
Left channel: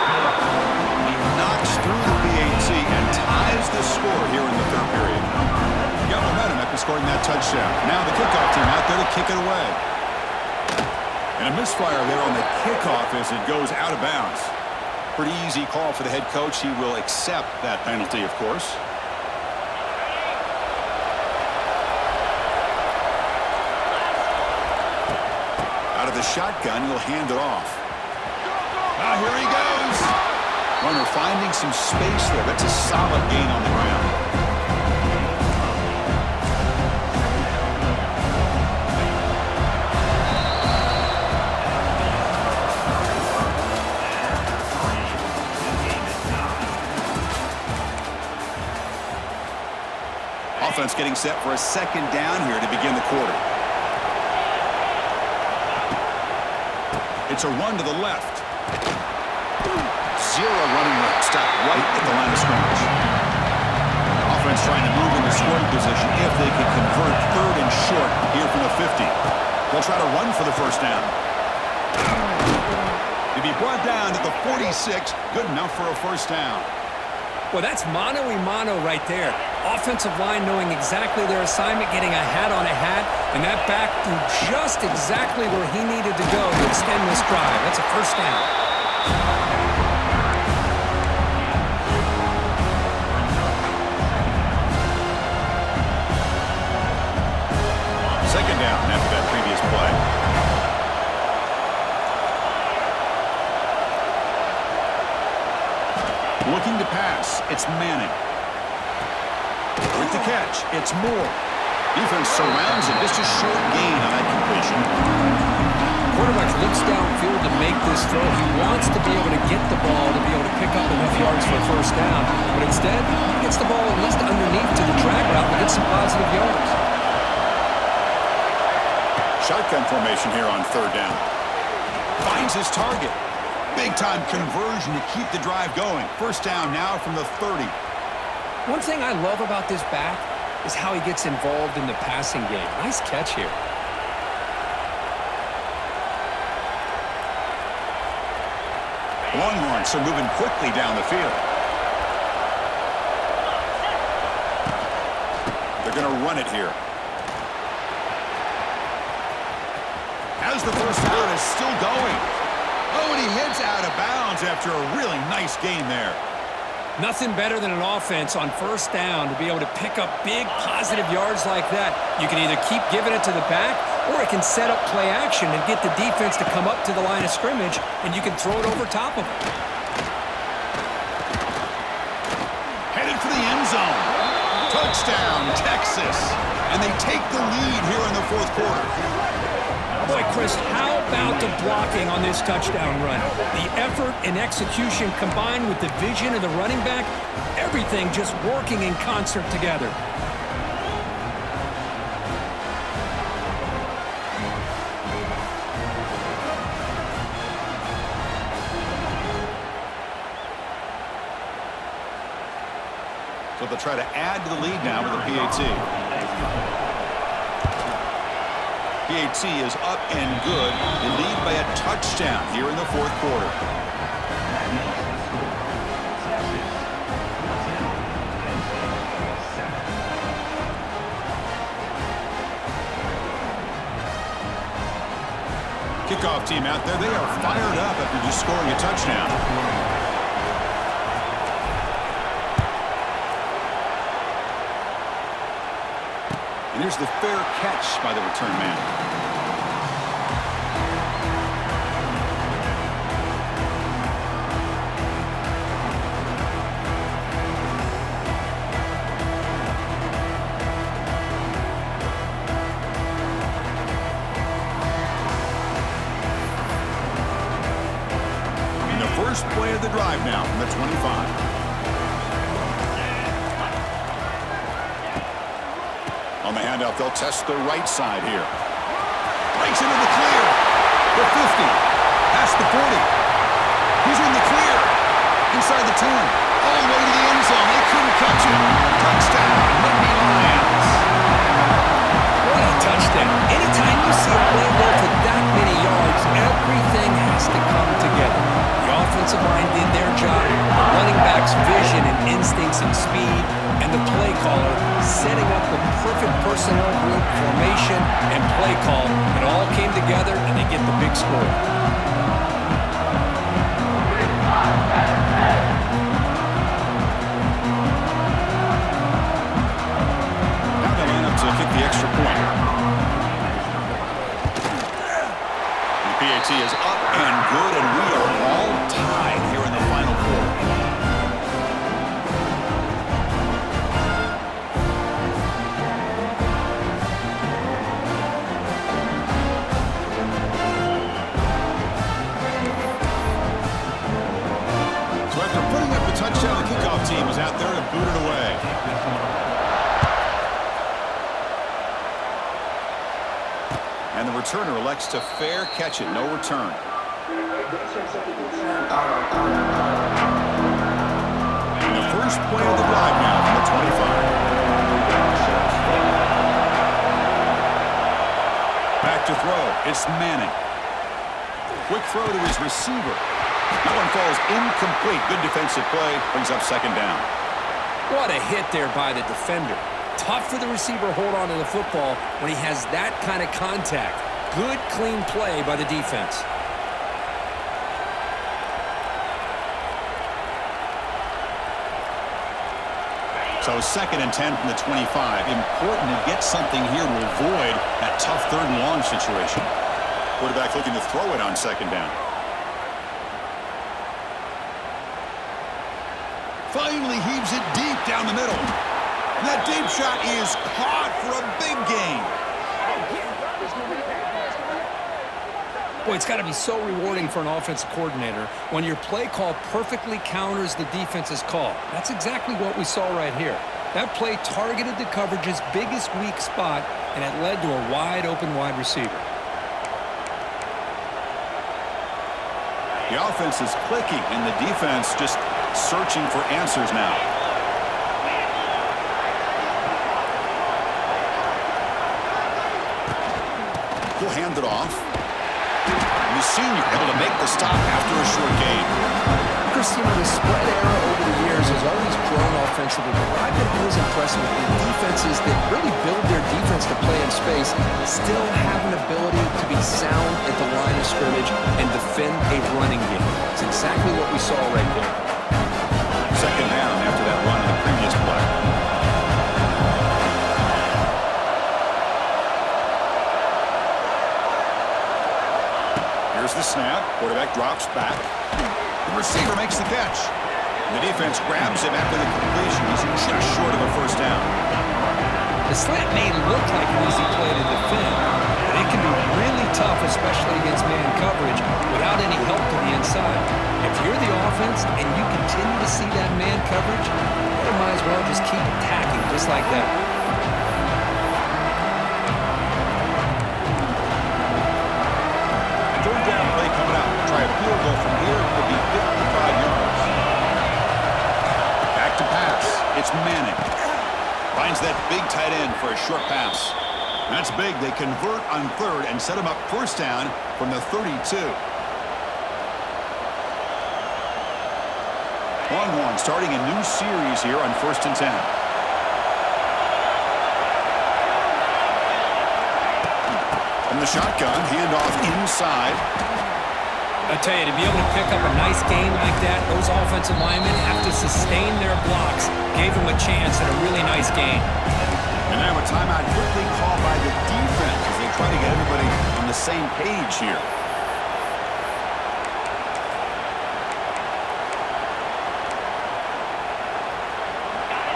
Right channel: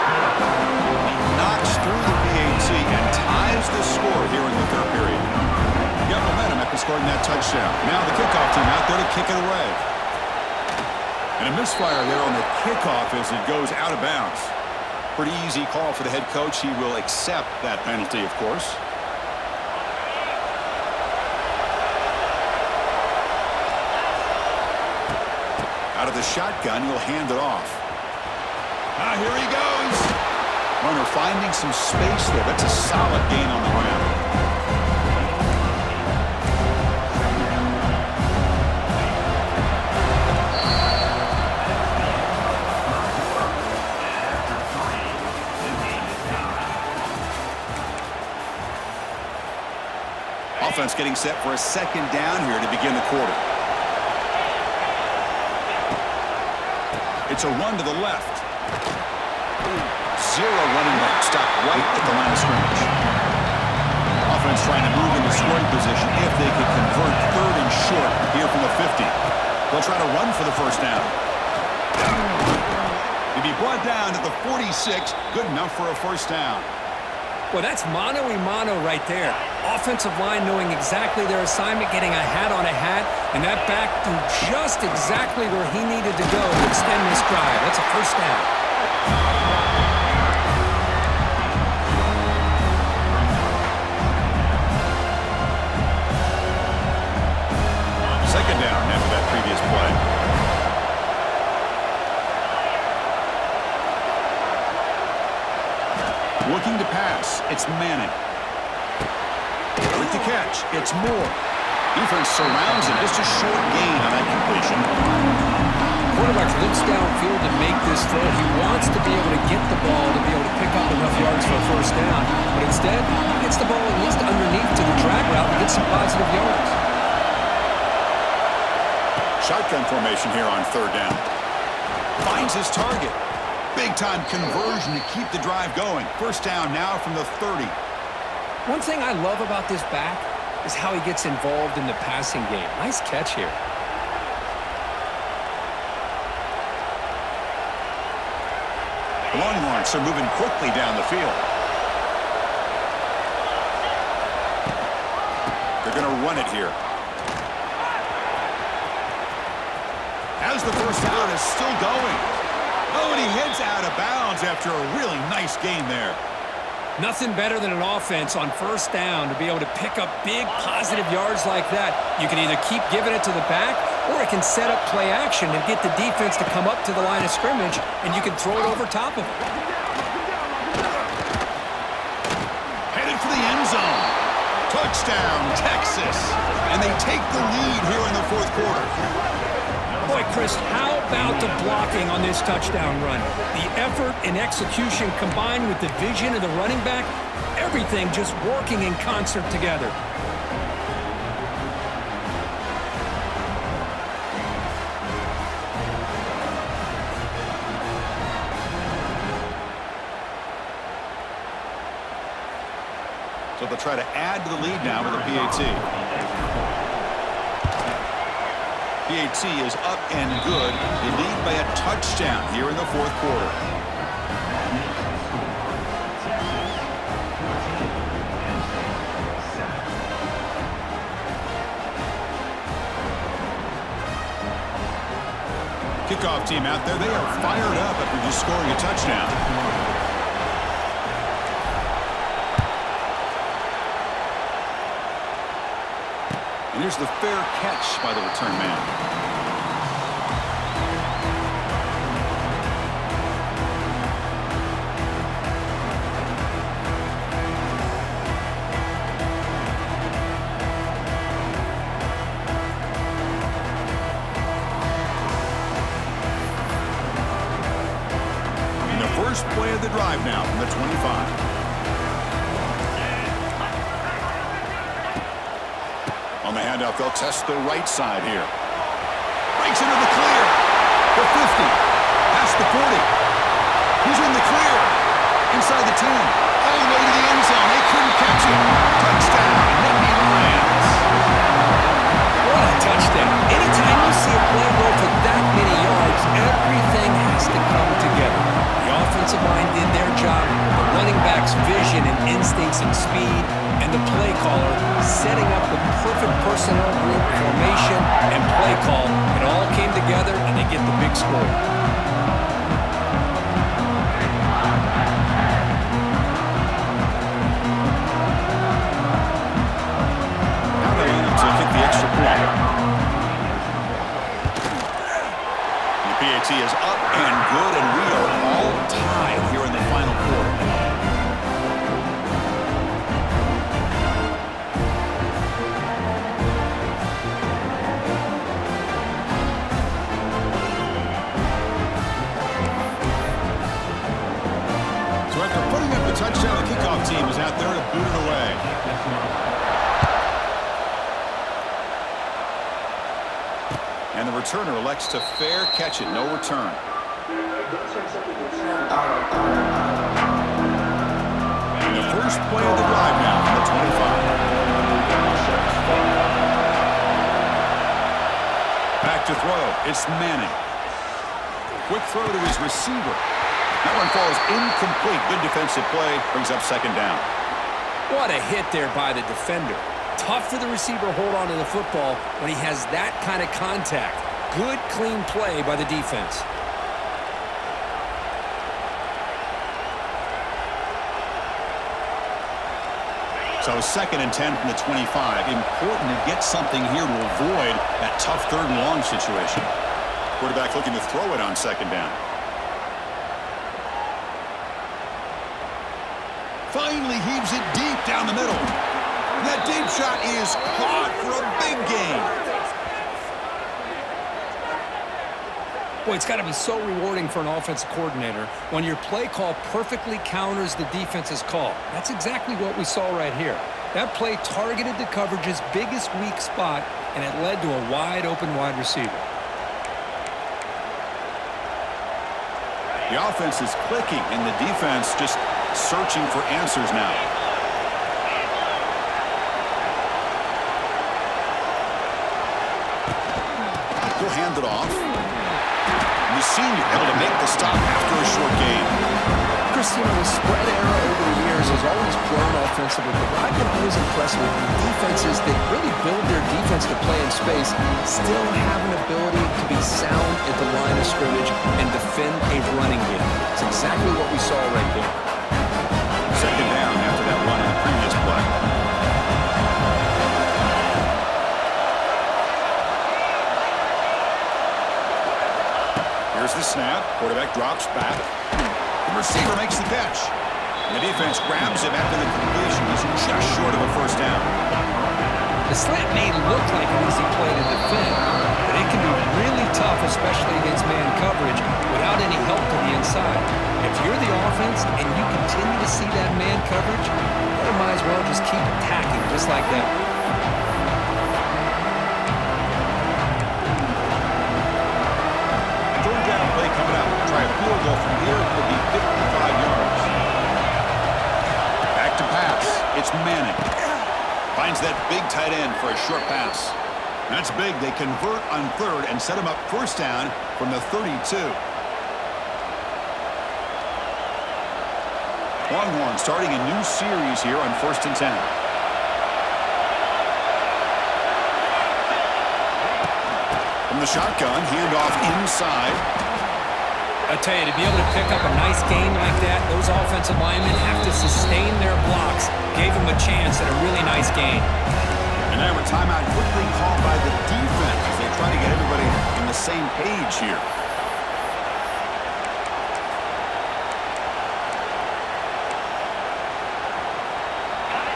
He knocks through the PAT and ties the score here in the third period. He got momentum after scoring that touchdown. Now the kickoff team out there to kick it away. And a misfire there on the kickoff as it goes out of bounds. Pretty easy call for the head coach. He will accept that penalty, of course. Out of the shotgun, he'll hand it off. Here he goes. Runner finding some space there. That's a solid gain on the ground. Offense getting set for a second down here to begin the quarter. It's a run to the left. Zero running room. Stop right at the line of scrimmage. Offense trying to move into scoring position if they can convert third and short here from the 50. They'll try to run for the first down. To be brought down to the 46, good enough for a first down. Well, that's mano-a-mano right there. Offensive line knowing exactly their assignment, getting a hat on a hat, and that back threw just exactly where he needed to go to extend this drive. That's a first down. Second down after that previous play. Looking to pass, it's Manning. With the catch, it's Moore. Defense surrounds him, just a short gain on that completion. Quarterback looks downfield to make this throw. He wants to be able to get the ball to be able to pick up enough yards for a first down, but instead, he gets the ball at least underneath to the drag route to get some positive yards. Shotgun formation here on third down. Finds his target. Big-time conversion to keep the drive going. First down now from the 30. One thing I love about this back is how he gets involved in the passing game. Nice catch here. The Longhorns are moving quickly down the field. They're going to run it here. As the first down is still going. Oh, and he heads out of bounds after a really nice gain there. Nothing better than an offense on first down to be able to pick up big positive yards like that. You can either keep giving it to the back, or it can set up play action and get the defense to come up to the line of scrimmage, and you can throw it over top of them. Headed for the end zone. Touchdown, Texas. And they take the lead here in the fourth quarter. Boy, Chris, how about the blocking on this touchdown run? The effort and execution combined with the vision of the running back, everything just working in concert together. So they'll try to add to the lead now with a PAT. PAT is up and good. They lead by a touchdown here in the fourth quarter. Kickoff team out there. They are fired up after just scoring a touchdown. And here's the fair catch by the return man. And the first play of the drive now from the 25. On the handoff, they'll test the right side here. Breaks into the clear. The 50. Past the 40. He's in the clear. Inside the 10. All the way to the end zone. They couldn't catch him. Touchdown, Nittany Lions. What a touchdown. Anytime you see a play go for that many yards, everything has to come together. The offensive line did their job, the running back's vision and instincts and speed, and the play caller setting up the perfect personnel group, formation, and play call. It all came together, and they get the big score. Now they line up to kick the extra point. The PAT is up and good, and we are all tied here in the final quarter. So after putting up the touchdown, the kickoff team is out there to boot it away. And the returner elects to fair catch it, no return. And the first play of the drive now from the 25. Back to throw. It's Manning. Quick throw to his receiver. That one falls incomplete. Good defensive play. Brings up second down. What a hit there by the defender. Tough for the receiver to hold on to the football when he has that kind of contact. Good, clean play by the defense. So 2nd and 10 from the 25. Important to get something here to avoid that tough 3rd and long situation. Quarterback looking to throw it on 2nd down. Finally heaves it deep down the middle. And that deep shot is caught for a big gain. Boy, it's got to be so rewarding for an offensive coordinator when your play call perfectly counters the defense's call. That's exactly what we saw right here. That play targeted the coverage's biggest weak spot, and it led to a wide-open wide receiver. The offense is clicking, and the defense just searching for answers now. He'll hand it off. And the senior able to make the stop after a short gain. Chris, you know, the spread era over the years has always grown offensively, but what I've been always impressed with the defenses that really build their defense to play in space still have an ability to be sound at the line of scrimmage and defend a running game. It's exactly what we saw right there. 2nd down after that run on the previous play. Here's the snap. Quarterback drops back. The receiver makes the catch. And the defense grabs him after the completion. He's just short of a 1st down. The slant may look like an easy play to defend, but it can be really tough, especially against man coverage, without any help to the inside. If you're the offense and you continue to see that man coverage, you might as well just keep attacking just like that. Third down play coming up. Try a field goal from here. It will be 55 yards. Back to pass. It's Manning. Finds that big tight end for a short pass. That's big. They convert on 3rd and set him up 1st down from the 32. Longhorns starting a new series here on 1st and 10. From the shotgun, handoff inside. I tell you, to be able to pick up a nice gain like that, those offensive linemen have to sustain their blocks. Gave him a chance at a really nice gain. And now a timeout quickly called by the defense as they try to get everybody on the same page here.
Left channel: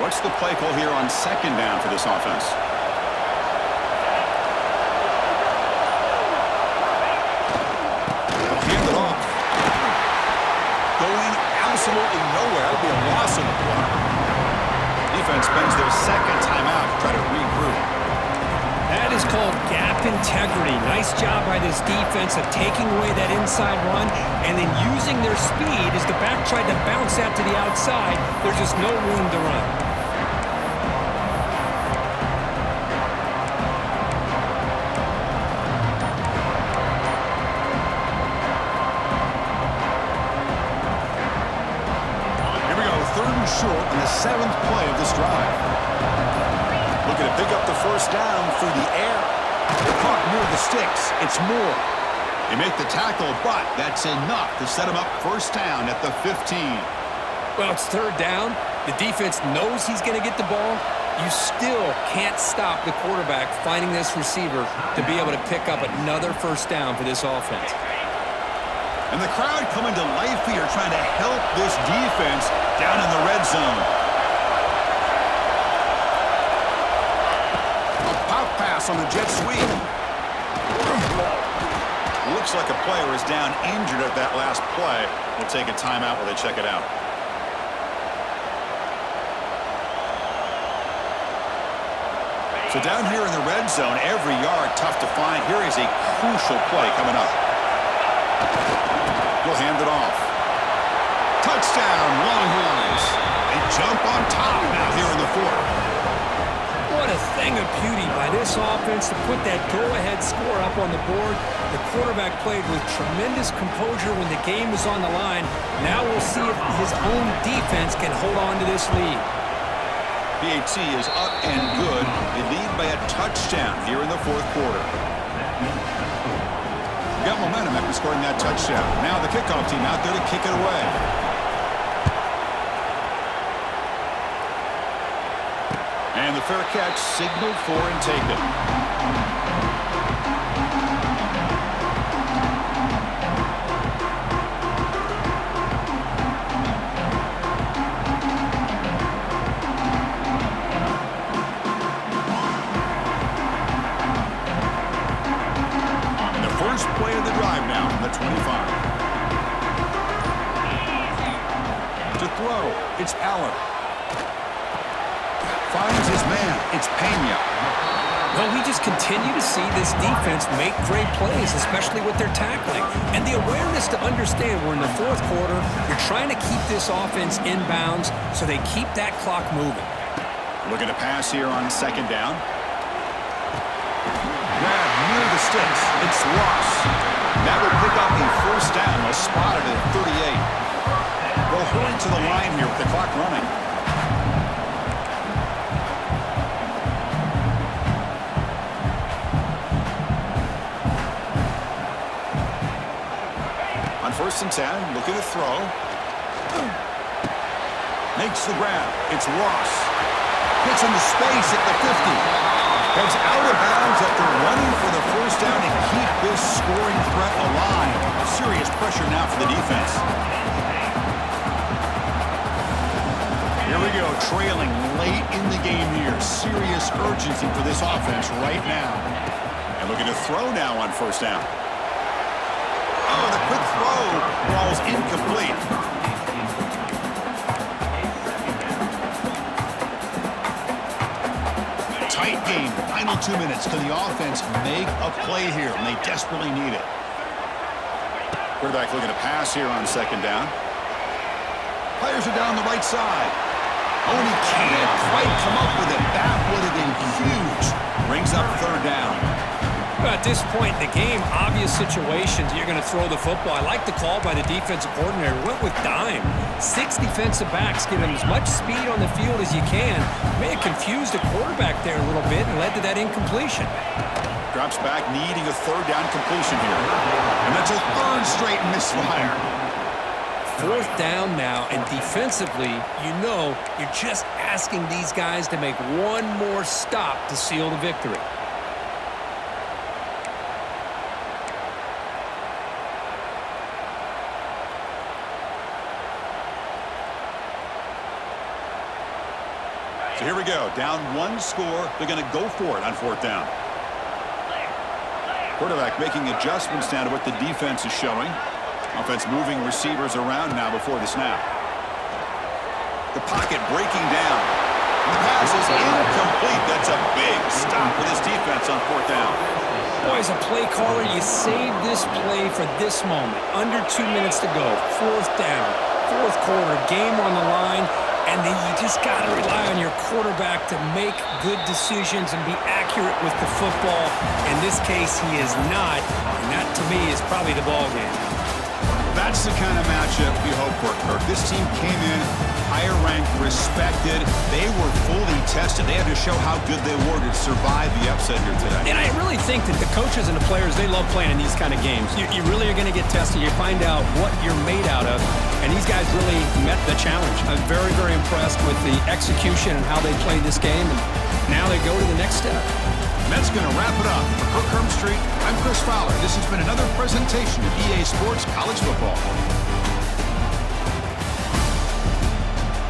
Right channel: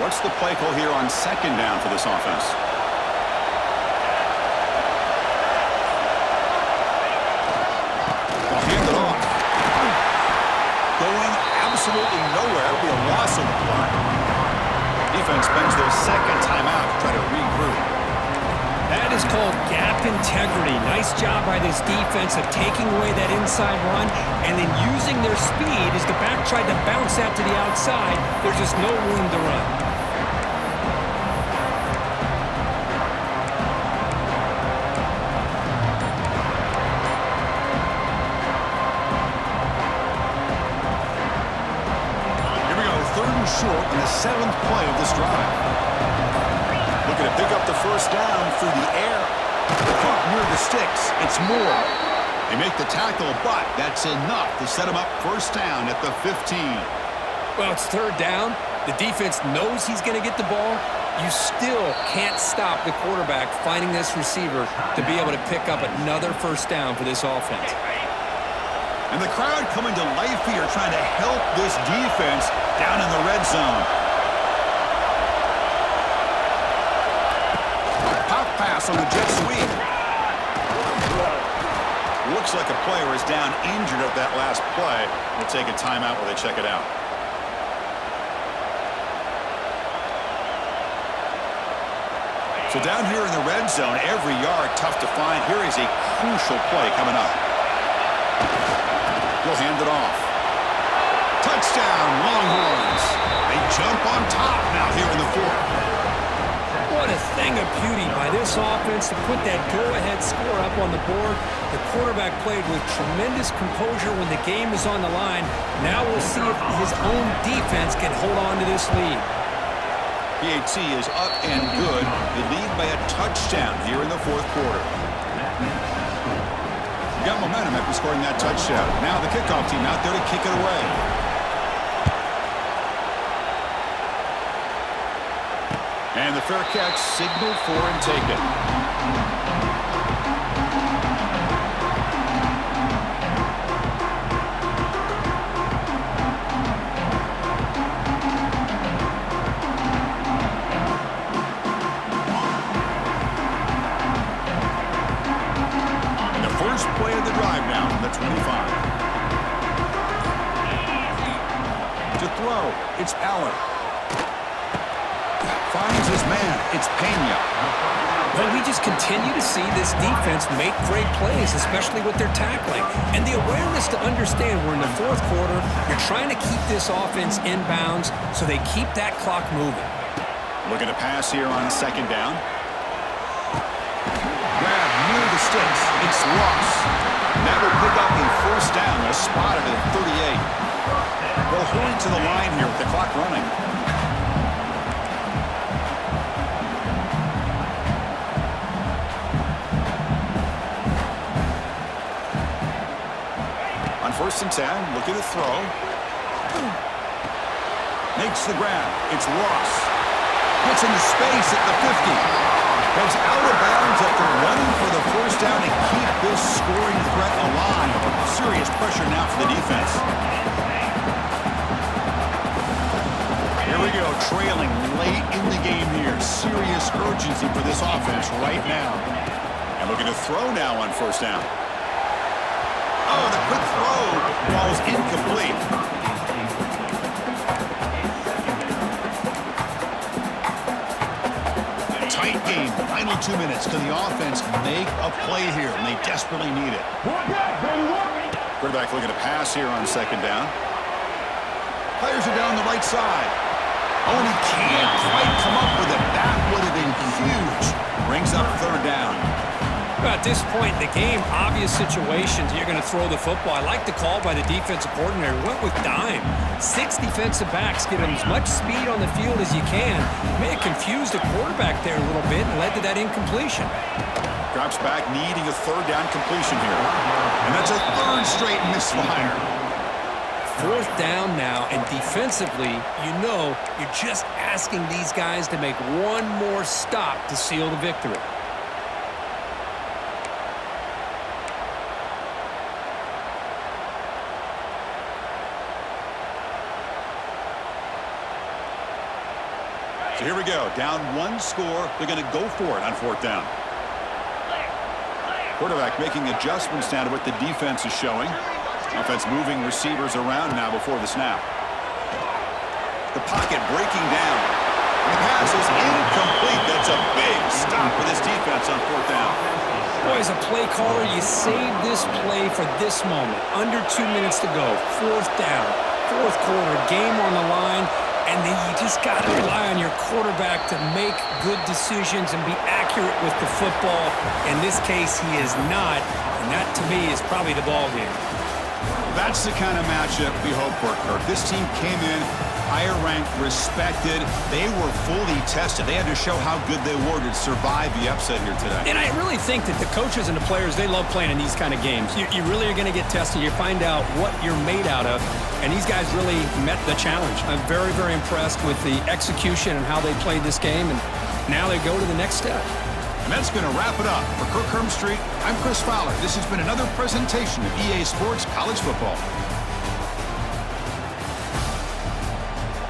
What's the play call here on second down for this offense? They'll hand it off. Going absolutely nowhere. That'll be a loss on the play. Defense spends their second timeout to try to regroup. That is called gap integrity. Nice job by this defense of taking away that inside run and then using their speed as the back tried to bounce out to the outside. There's just no room to run. Short on the 7th play of this drive. Looking to pick up the first down through the air. Caught near the sticks. It's Moore. They make the tackle, but that's enough to set him up first down at the 15. Well, it's third down. The defense knows he's going to get the ball. You still can't stop the quarterback finding this receiver to be able to pick up another first down for this offense. And the crowd coming to life here, trying to help this defense down in the red zone. A pop pass on the jet sweep. Looks like a player is down injured at that last play. We'll take a timeout while they check it out. So down here in the red zone, every yard tough to find. Here is a crucial play coming up. He'll hand it off. Touchdown, Longhorns. They jump on top now here in the 4th. What a thing of beauty by this offense to put that go-ahead score up on the board. The quarterback played with tremendous composure when the game was on the line. Now we'll see if his own defense can hold on to this lead. PAT is up and good. They lead by a touchdown here in the 4th quarter. Got momentum after scoring that touchdown. Now the kickoff team out there to kick it away. And the fair catch signaled for and taken. Play of the drive now from the 25. To throw, it's Allen. Finds his man, it's Pena. Well, we just continue to see this defense make great plays, especially with their tackling. And the awareness to understand we're in the 4th quarter, you're trying to keep this offense in bounds so they keep that clock moving. Looking to pass here on second down. Grab near the sticks. It's Ross. That will pick up a first down. They'll spot it at 38. They'll hurry to the line here with the clock running. On 1st and 10, looking to throw. Makes the grab. It's Ross. Gets into space at the 50. Heads out of bounds after running for the first down to keep this scoring threat alive. Serious pressure now for the defense. Here we go, trailing late in the game here. Serious urgency for this offense right now. And looking to throw now on first down. Oh, the quick throw falls incomplete. Tight game, final 2 minutes. Can the offense make a play here? And they desperately need it. Quarterback looking to pass here on second down. Players are down the right side. Oh, and he can't quite come up with it. That would have been huge. Brings up third down. At this point in the game, obvious situations, you're going to throw the football. I like the call by the defensive coordinator. Went with dime. 6 defensive backs, get him as much speed on the field as you can. May have confused the quarterback there a little bit and led to that incompletion. Drops back, needing a third down completion here. And that's a third straight misfire. 4th down now, and defensively, you're just asking these guys to make one more stop to seal the victory. So here we go. Down 1 score. They're going to go for it on 4th down. Quarterback making adjustments now to what the defense is showing. Offense moving receivers around now before the snap. The pocket breaking down. And the pass is incomplete. That's a big stop for this defense on 4th down. Boy, as a play caller, you save this play for this moment. Under 2 minutes to go. 4th down. 4th quarter. Game on the line. And then you just got to rely on your quarterback to make good decisions and be accurate with the football. In this case, he is not. And that, to me, is probably the ball game. That's the kind of matchup we hope for, Kirk. This team came in higher ranked, respected. They were fully tested. They had to show how good they were to survive the upset here today. And I really think that the coaches and the players, they love playing in these kind of games. You really are going to get tested. You find out what you're made out of. And these guys really met the challenge. I'm very, very impressed with the execution and how they played this game. And now they go to the next step. And that's going to wrap it up. For Kirk Hermstreet, I'm Chris Fowler. This has been another presentation of EA Sports College Football.